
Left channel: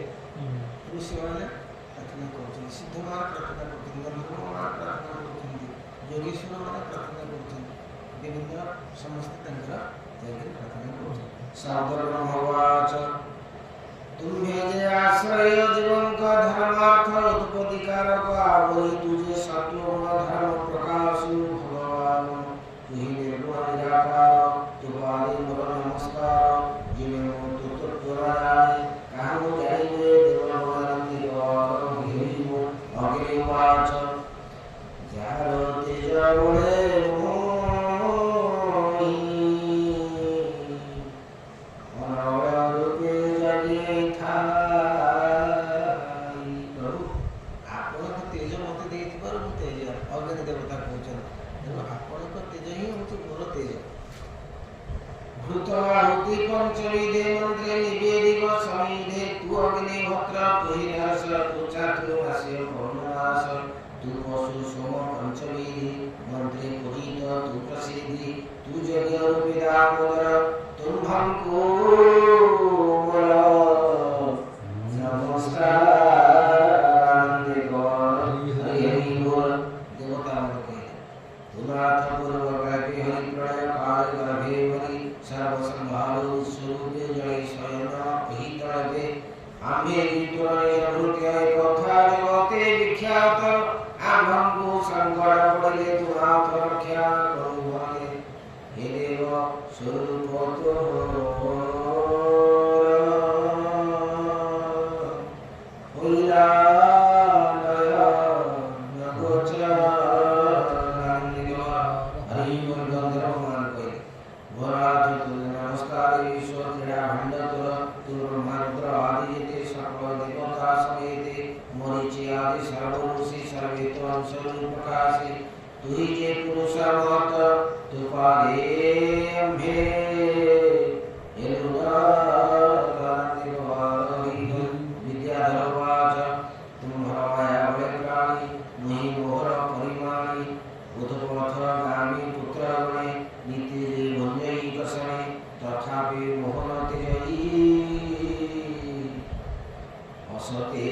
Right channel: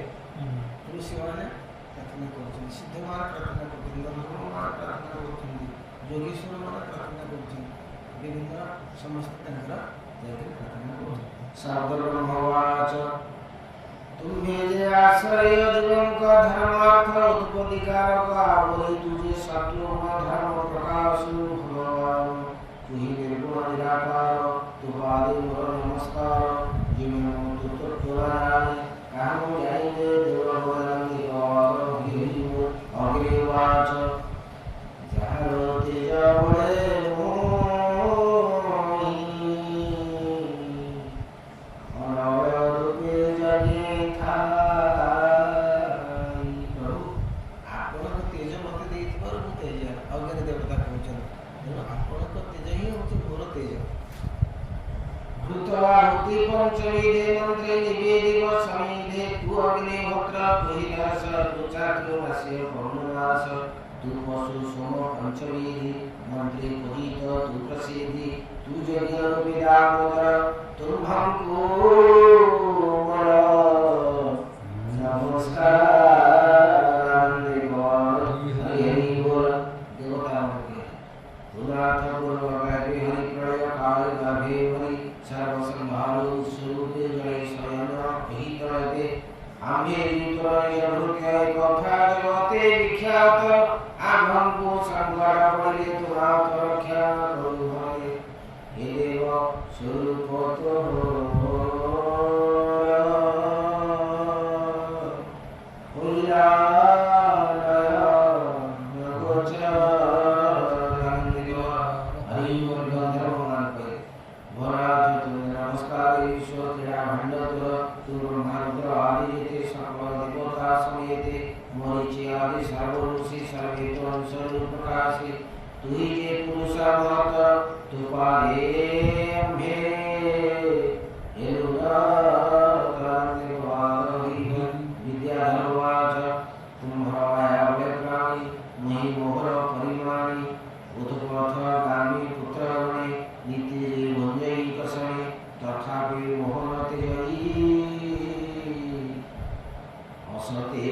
ଋଷିମାନେ ପ୍ରାର୍ଥନା କରୁଛନ୍ତି, ସିଦ୍ଧମାନେ ପ୍ରାର୍ଥନା କରୁଛନ୍ତି, ଧର୍ମମାନେ ପ୍ରାର୍ଥନା କରୁଛନ୍ତି, ଯୋଗେଶ୍ୱରମାନେ ପ୍ରାର୍ଥନା କରୁଛନ୍ତି, ବିଭିନ୍ନ ସମସ୍ତେ ତାଙ୍କର ଯାଇକି ପ୍ରାର୍ଥନା କରୁଛନ୍ତି। ସର୍ବବ୍ରହ୍ମବାଚ ତୁମ୍ଭେ ଯେ ଆଶ୍ରୟ ଜୀବଙ୍କ ଧର୍ମାର୍ଥ ଉତ୍ପତ୍ତିକାରକ ଆବରି ତୁଝେ ସତ୍ୱ ଧର୍ମ ପ୍ରକାଶୁ ଭଗବାନ ତୁହି ନିର୍ଗୁଣ ନିରାକାର ତୁବାରି ମୋର ନମସ୍କାର ଜିମେ ତୁ ତତ୍ପରାୟ କାହୁ ଜାଣିଲେ ଦେବମାନନ୍ଦିର ଅଗ୍ନିବାଚ ଯାହାର ତେଜ ବଳେ भूतवाहुति पंचविधे मंत्रे निवेदिव समिधे तु अग्निहोत्र तु हि नरस तु चातुर्मास्य पौर्णमास तु पशु सोम पंचविधि मंत्रे पूजित तु प्रसिद्धि तु यज्ञ रूपिदामोदर तुम्भं कोमल नमस्कार देव हरि बोल देवता के तुनाथ पूर्वक हरि प्रणय काल गाभे हरि सर्वसंहारो स्वरूपे जय तुही जे पुरुष मत तु पारे अम्भे विद्याधरवाच तुम्हारा बड़े प्राणी नहीं मोहर परिमाणी बुधपथ गामी पुत्र गणे नीति भंजई कसणे तथापि मोहन तेजई असते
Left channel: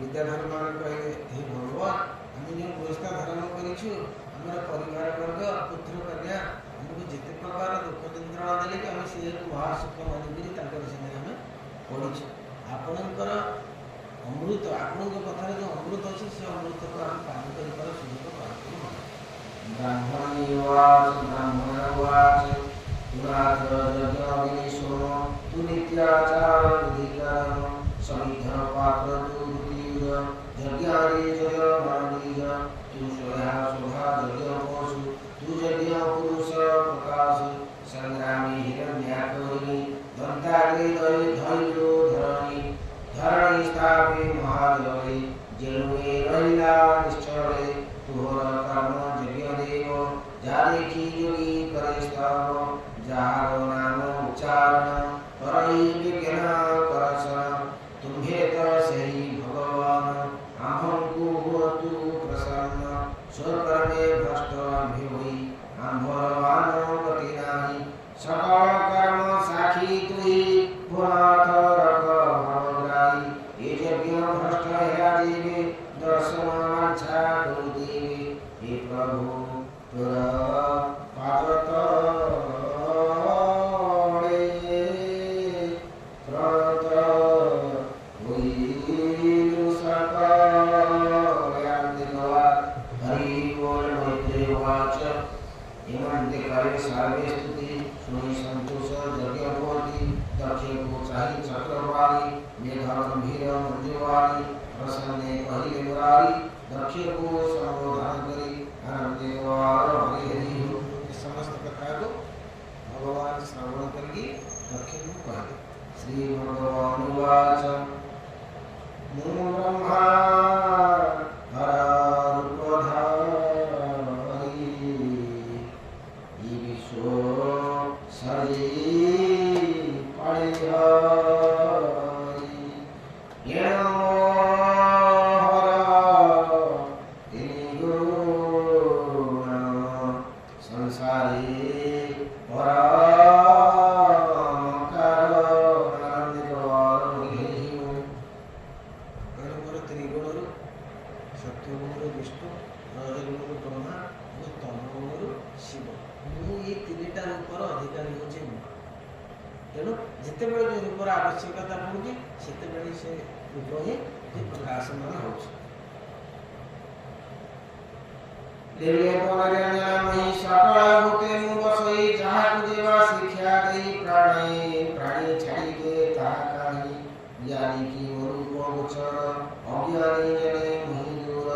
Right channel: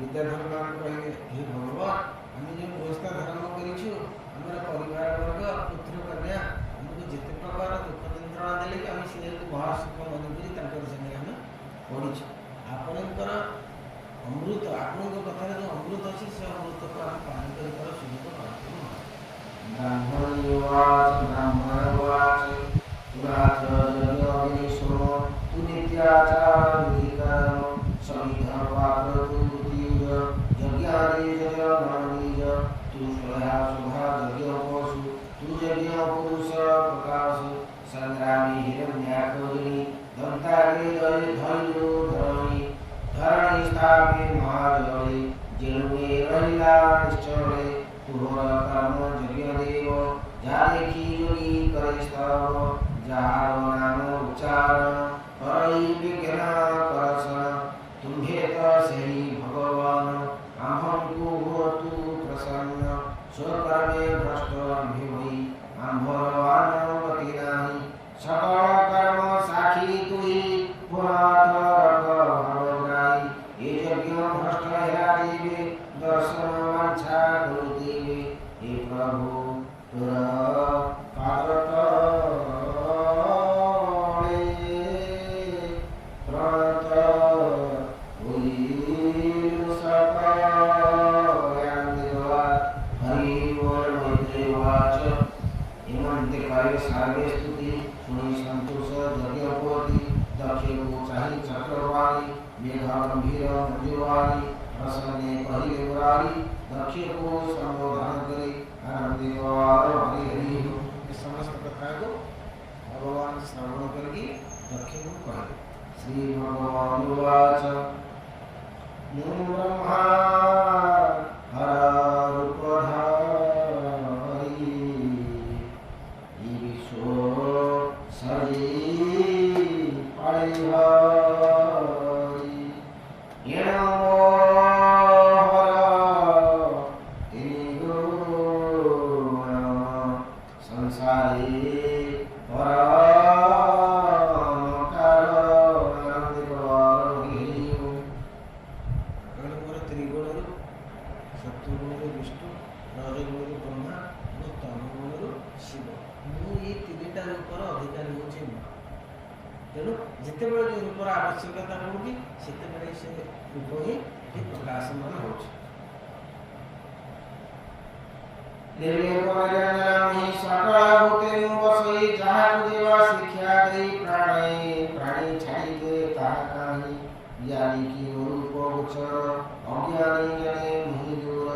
विद्याधर मान कहे हे भगवान आम जो गृहस्थ धर्म करूँ आम परिवार वर्ग पुत्र कन्या आमको जिते प्रकार दुख यंत्रणा देले कि आम सी महासुख मानिकी आम पढ़ीचु आपणकर अमृत आपण कथार जो अमृत अच्छे से अमृत को आम पान कर सुख पाई ब्राह्मणवाच पुरात यज्ञ सुनो तु नित्याचार विधिकरण समिध पात्र तु यज्ञारे जगमानीय तु स्वया शोभा यज्ञ पशु तु यज्ञ पुरुष प्रकाश संग्रामी हिरण्याकरिणी दंताग्रे धैर्यो धरणी धरणी स्थापे महाजले जेनुए रहिला निश्चले तुहर कर्म यज्ञ देव जा देखी जोगी करे स्तव जार नाम उच्चारण करई विज्ञान करसन तुम्हे तो सही भगवान आम्भंकु होतु प्रसन्न स्वकर्मे भ्रष्ट आम्भे होई आम्भर गति नाही सकल कर्म साखी तुही पुरात रक भरग्राही ये यज्ञ भ्रष्ट हेरा जीवे दर्शन वांछा गुरु देवे हे प्रभु तोर पादत सर्वे स्तुति सुनी संतोष यज्ञपति दक्षे को चाही चक्रवाणी मेघा गंभीर मंजुवाणी प्रसन्ने पहिले मुरारी दक्षे को संबोधन करी आनंदित हरि हरि ये समस्त कथा को भगवान श्रवण करके दक्षे को कहे श्री भगवान वाच मूल ब्रह्मा हर तेणु जिते जो रूपर आवश्यकता पड़ुची से रूप ही प्रकाशमान हो सकल भूते बसई जहाँ देवा शिक्षा दई प्राणी प्राणी छाड़ी दे ताहा काहि ज्ञानी की रूप गोचर अज्ञानी जने मुहि दूर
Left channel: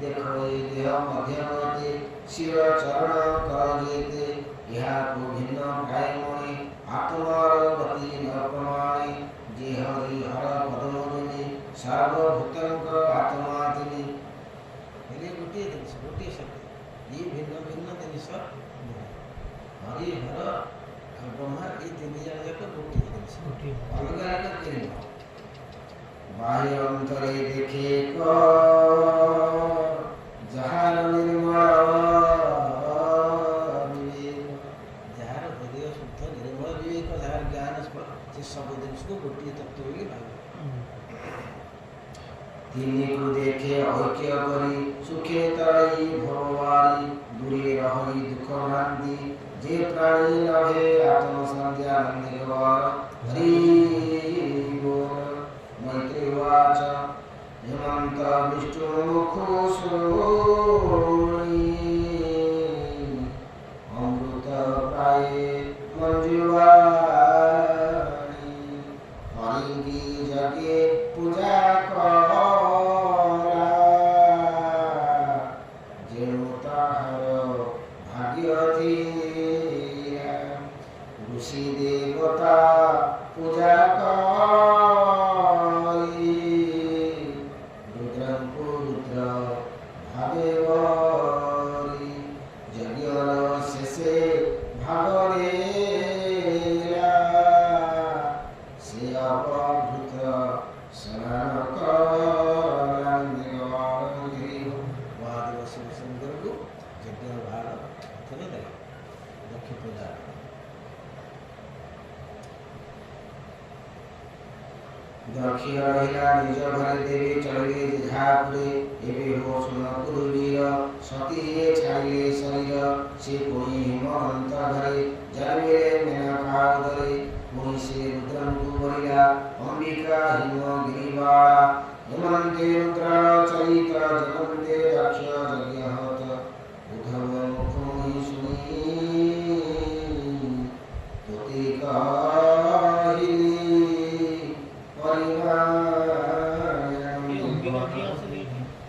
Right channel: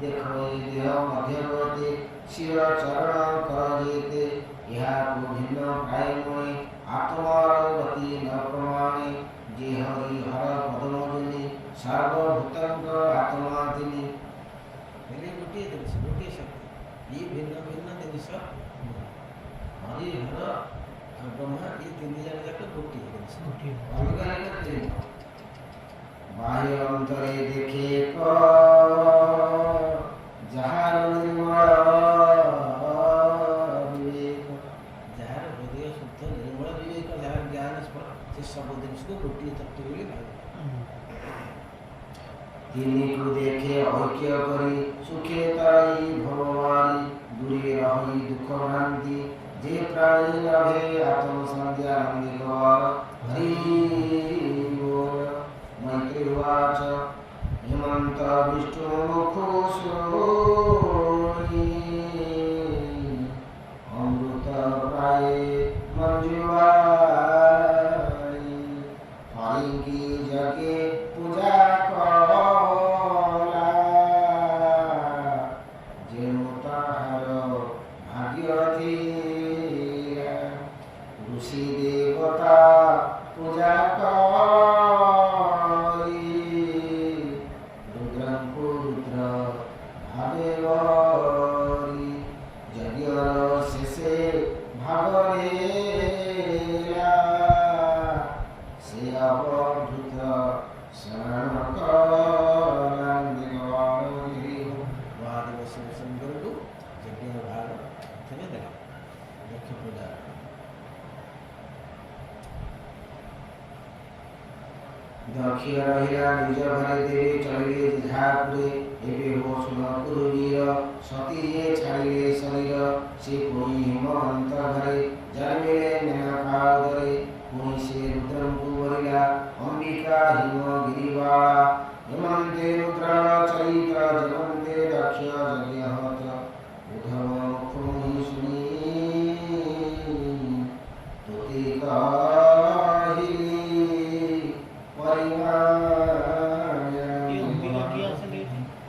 देखई देह मध्यमते शिव चरण कर जेते यह को भिन्न प्राय मणि आत्मार गति न प्रमाणे जे हरि हर पदमोदिनी सर्वभूतंक आत्मा दिनी हेले गोटे जिनिस गोटे शक्ति ये भिन्न भिन्न जिनिस हरि हर ब्रह्मा ये तीन जन जाक गोटे जिनिस अलग अलग तीन बाह्य अंतरे देखे क जहार निर्मल सब जिनिस को गोटे तत्व तिनी को देखे ऐक्य करी सुखे तराई भववारी दूरे रही दुख भ्रांति जे प्राणी लभे आत्म संज्ञा नंदिगवार हरि बोल मैत्री वाच हेमंत विष्णु मुखो सोई अमृत प्राय मंजुवा जगे पूजा करा କିଛି ଦେବତା ପୂଜା କରି ରୁଦ୍ରଙ୍କୁ ରୁଦ୍ର ଭାବେ ବରି ଯଜ୍ଞର ଶେଷେ ଭାଗରେ ସେ ଅବଭୂତ ଶରଣ ମହାଦେବ ଶିବଶଙ୍କରଙ୍କୁ ଯଜ୍ଞ ଭାର ପ୍ରଥମେ ଦେଲେ ଦକ୍ଷ ପୂଜା ଦକ୍ଷ ରହିଲା ନିଜ ଘରେ ଦେବେ ଚଳିଲେ ଯେଝାପୁରେ ଏବେ ହୋ ଶୁଣପୁର ବୀର ସତୀ ଯିଏ ଛାଡ଼ିଲେ ଶରୀର ସେ ପୁଣି ହିମବନ୍ତ ଘରେ ଜନ୍ମିଲେ ମେନକା ଉଦରେ ପୁଣି ସେ ରୁଦ୍ରଙ୍କୁ ବରିଲା ଅମ୍ବିକା ହିମଗିରିବାଳା ହେମନ୍ତେ ରୁଦ୍ରାଳ ଚରିତ ଜଗନ୍ତେ ଦକ୍ଷ ଯଜ୍ଞହତ ଉଦ୍ଧବ ପୁଣି ଶୁଣି ତୁତେ କହିଲି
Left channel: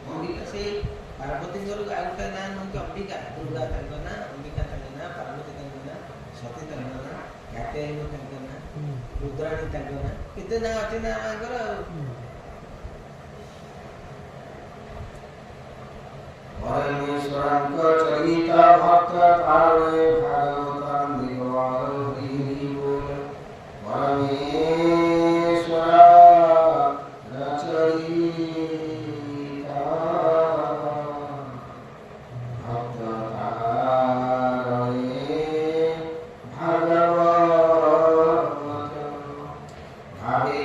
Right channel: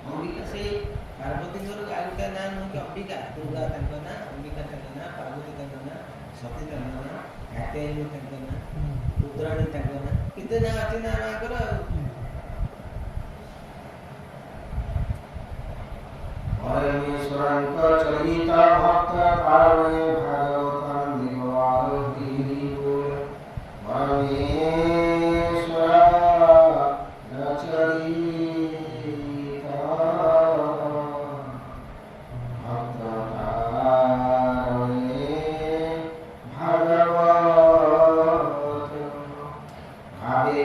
ଅମ୍ବିକା ସେଇ ପାର୍ବତୀଙ୍କର ଆଉ ଗୋଟେ ନାଁ ନୁହେଁ କି ଅମ୍ବିକା ଦୁର୍ଗା ତାଙ୍କ ନାଁ ଅମ୍ବିକା ତାଙ୍କ ନାଁ ପାର୍ବତୀ ତାଙ୍କ ନାଁ ସତୀ ତାଙ୍କ ନାଁ କାତ୍ୟାୟନୀ ତାଙ୍କ ନାଁ ରୁଦ୍ରାଣୀ ତାଙ୍କ ନାଁ କେତେ ନାଁ ଅଛି ନା ମାଙ୍କର ଆଉ ପରମେଶ୍ୱରଙ୍କ ଚରିତ ଭକ୍ତ କାରଣେ ଭାଗବତ ନିଗମାର ହରି ବୋଲ ପରମେଶ୍ୱର ଚରିତ ଭକ୍ତ କାରଣେ ଭାଗବତ ଭାବେ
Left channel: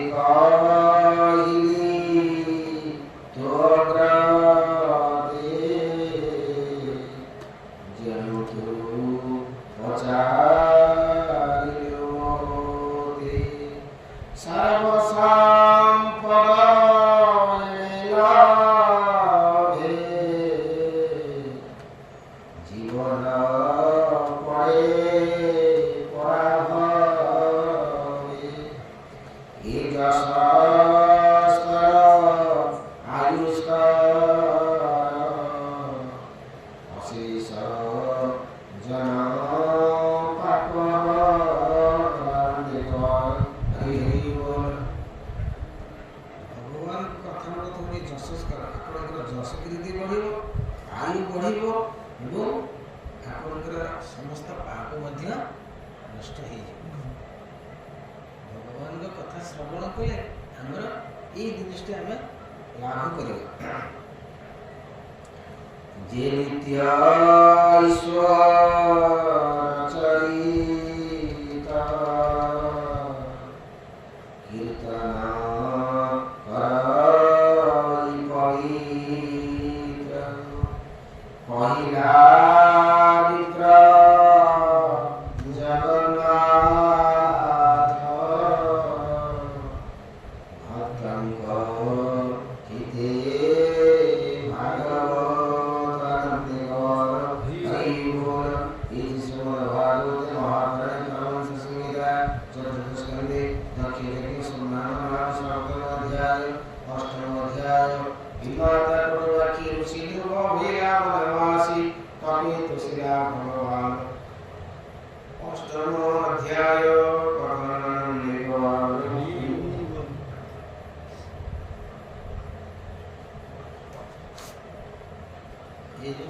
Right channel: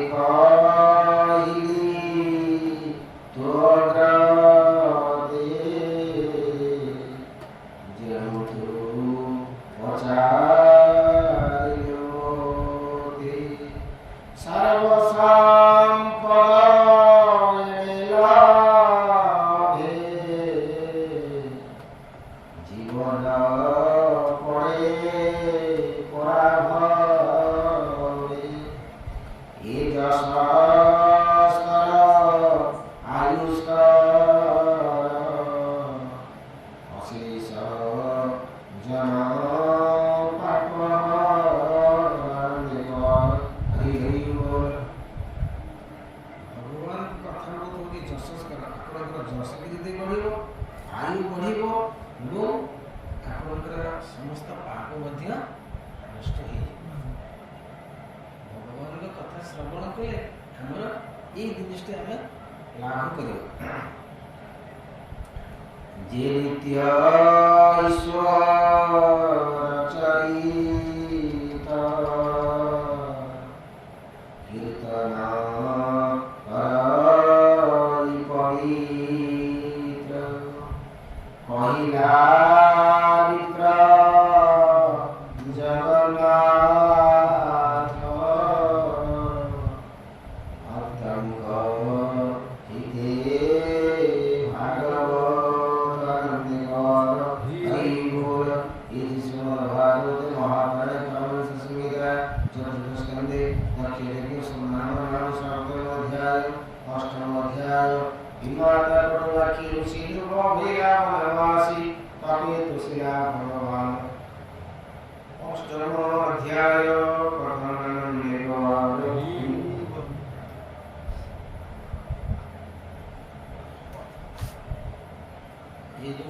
କହିଲି ତୋର ଶ୍ରବଣ କଲେ ଆମର ଏଇ ଜିନିଷଟି ଆମେ ଲାଭ କରିବା ଯେ ନିତ୍ୟ ଈଶ୍ୱର ଚରିତ କୀର୍ତ୍ତନ କରି ପବିତ୍ର କହିଲା ମିତ୍ର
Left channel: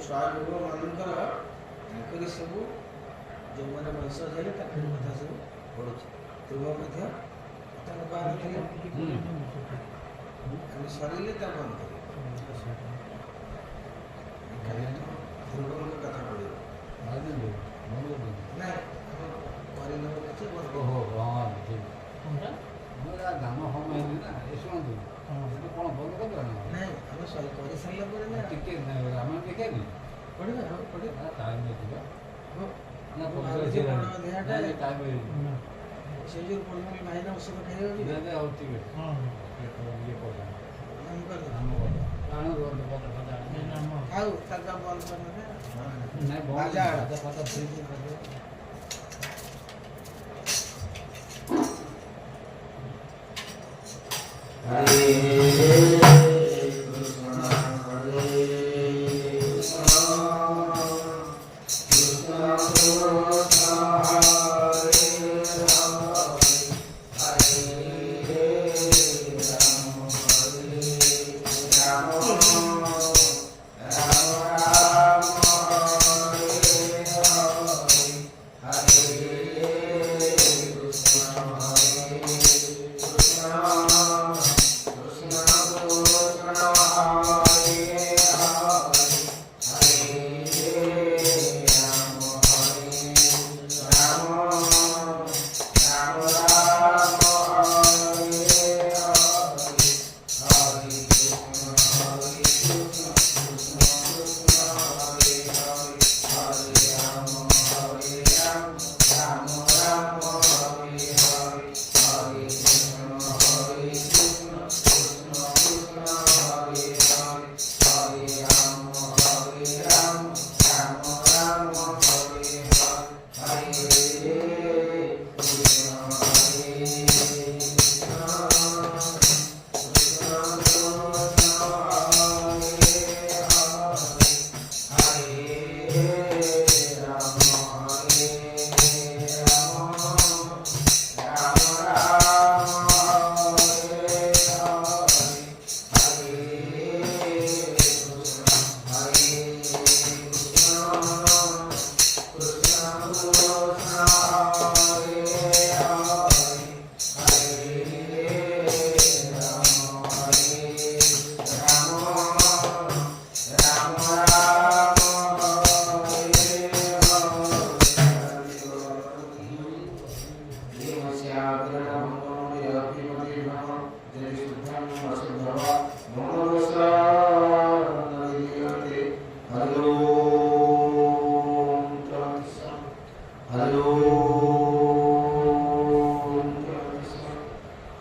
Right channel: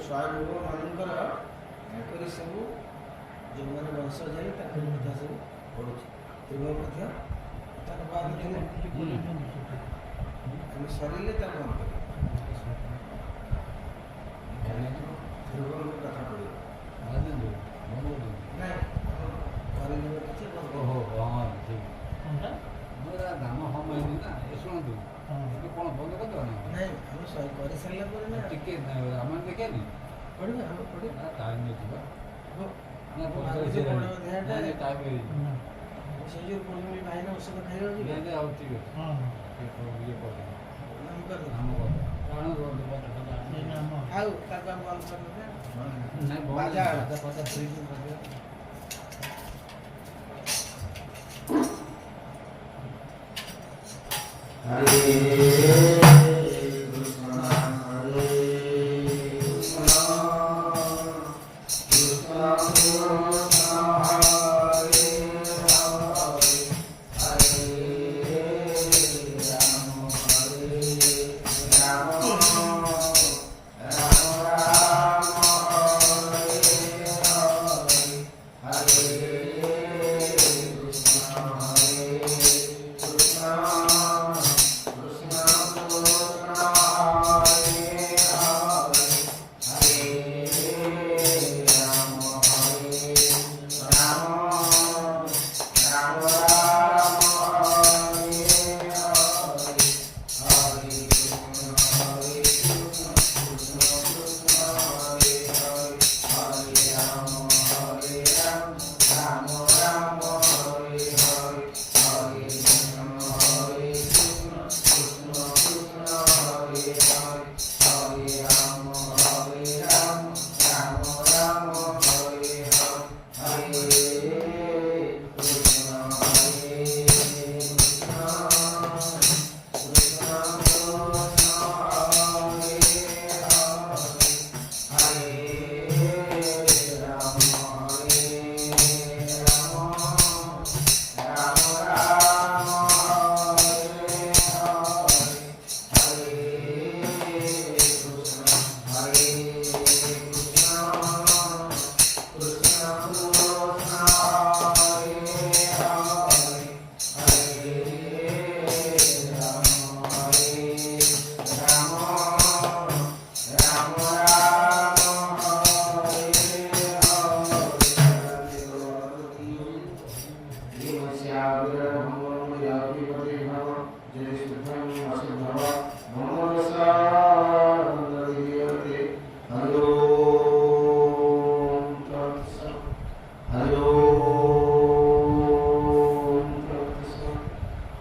ସ୍ୱୟଂ ମାନଙ୍କର ତାଙ୍କରି ସବୁ ଯେଉଁମାନେ ବଂଶ ଯାଇ ତାଙ୍କର କଥା ସବୁ ପଢ଼ୁଛି ପୂର୍ବ ମଧ୍ୟ କଥା ବାଦ ଥିଲେ ଆମେ ସରିଲେ ତା ବନ୍ଦ କରିବା ଧ୍ରୁବଙ୍କ କଥା ପଡ଼ିବ ନାଇଁ କରିନେବ କିଛି ଦାମ ହମ ହେଇନି ନା ଏ ଶୁଣନ୍ତୁ କ'ଣ ବନ୍ଦ କରିଦେବା ନା ନାଇଁ ଆମେ କରିସାରିଲା ପରେ ନା ଟିକେ ରାମାୟଣ ଦେଖିବାନି ପଢ଼ିବା ପଢ଼ିବା ଟାଇମ୍ ନେଇଯିବା ଟାଇମ୍ ସେ ଯେଉଁ ପୁଣି ଭାଇନା ଔଷଧ ଖାଇଯାଉଛି ଆଉ ଠିକ୍ ଅଛି ଇଏ ଆଉ ତାକୁ ବନ୍ଦ କରିଦେବେ ନାଇଁ ବାଜା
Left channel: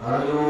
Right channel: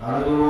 ଆମେ ଯେଉଁ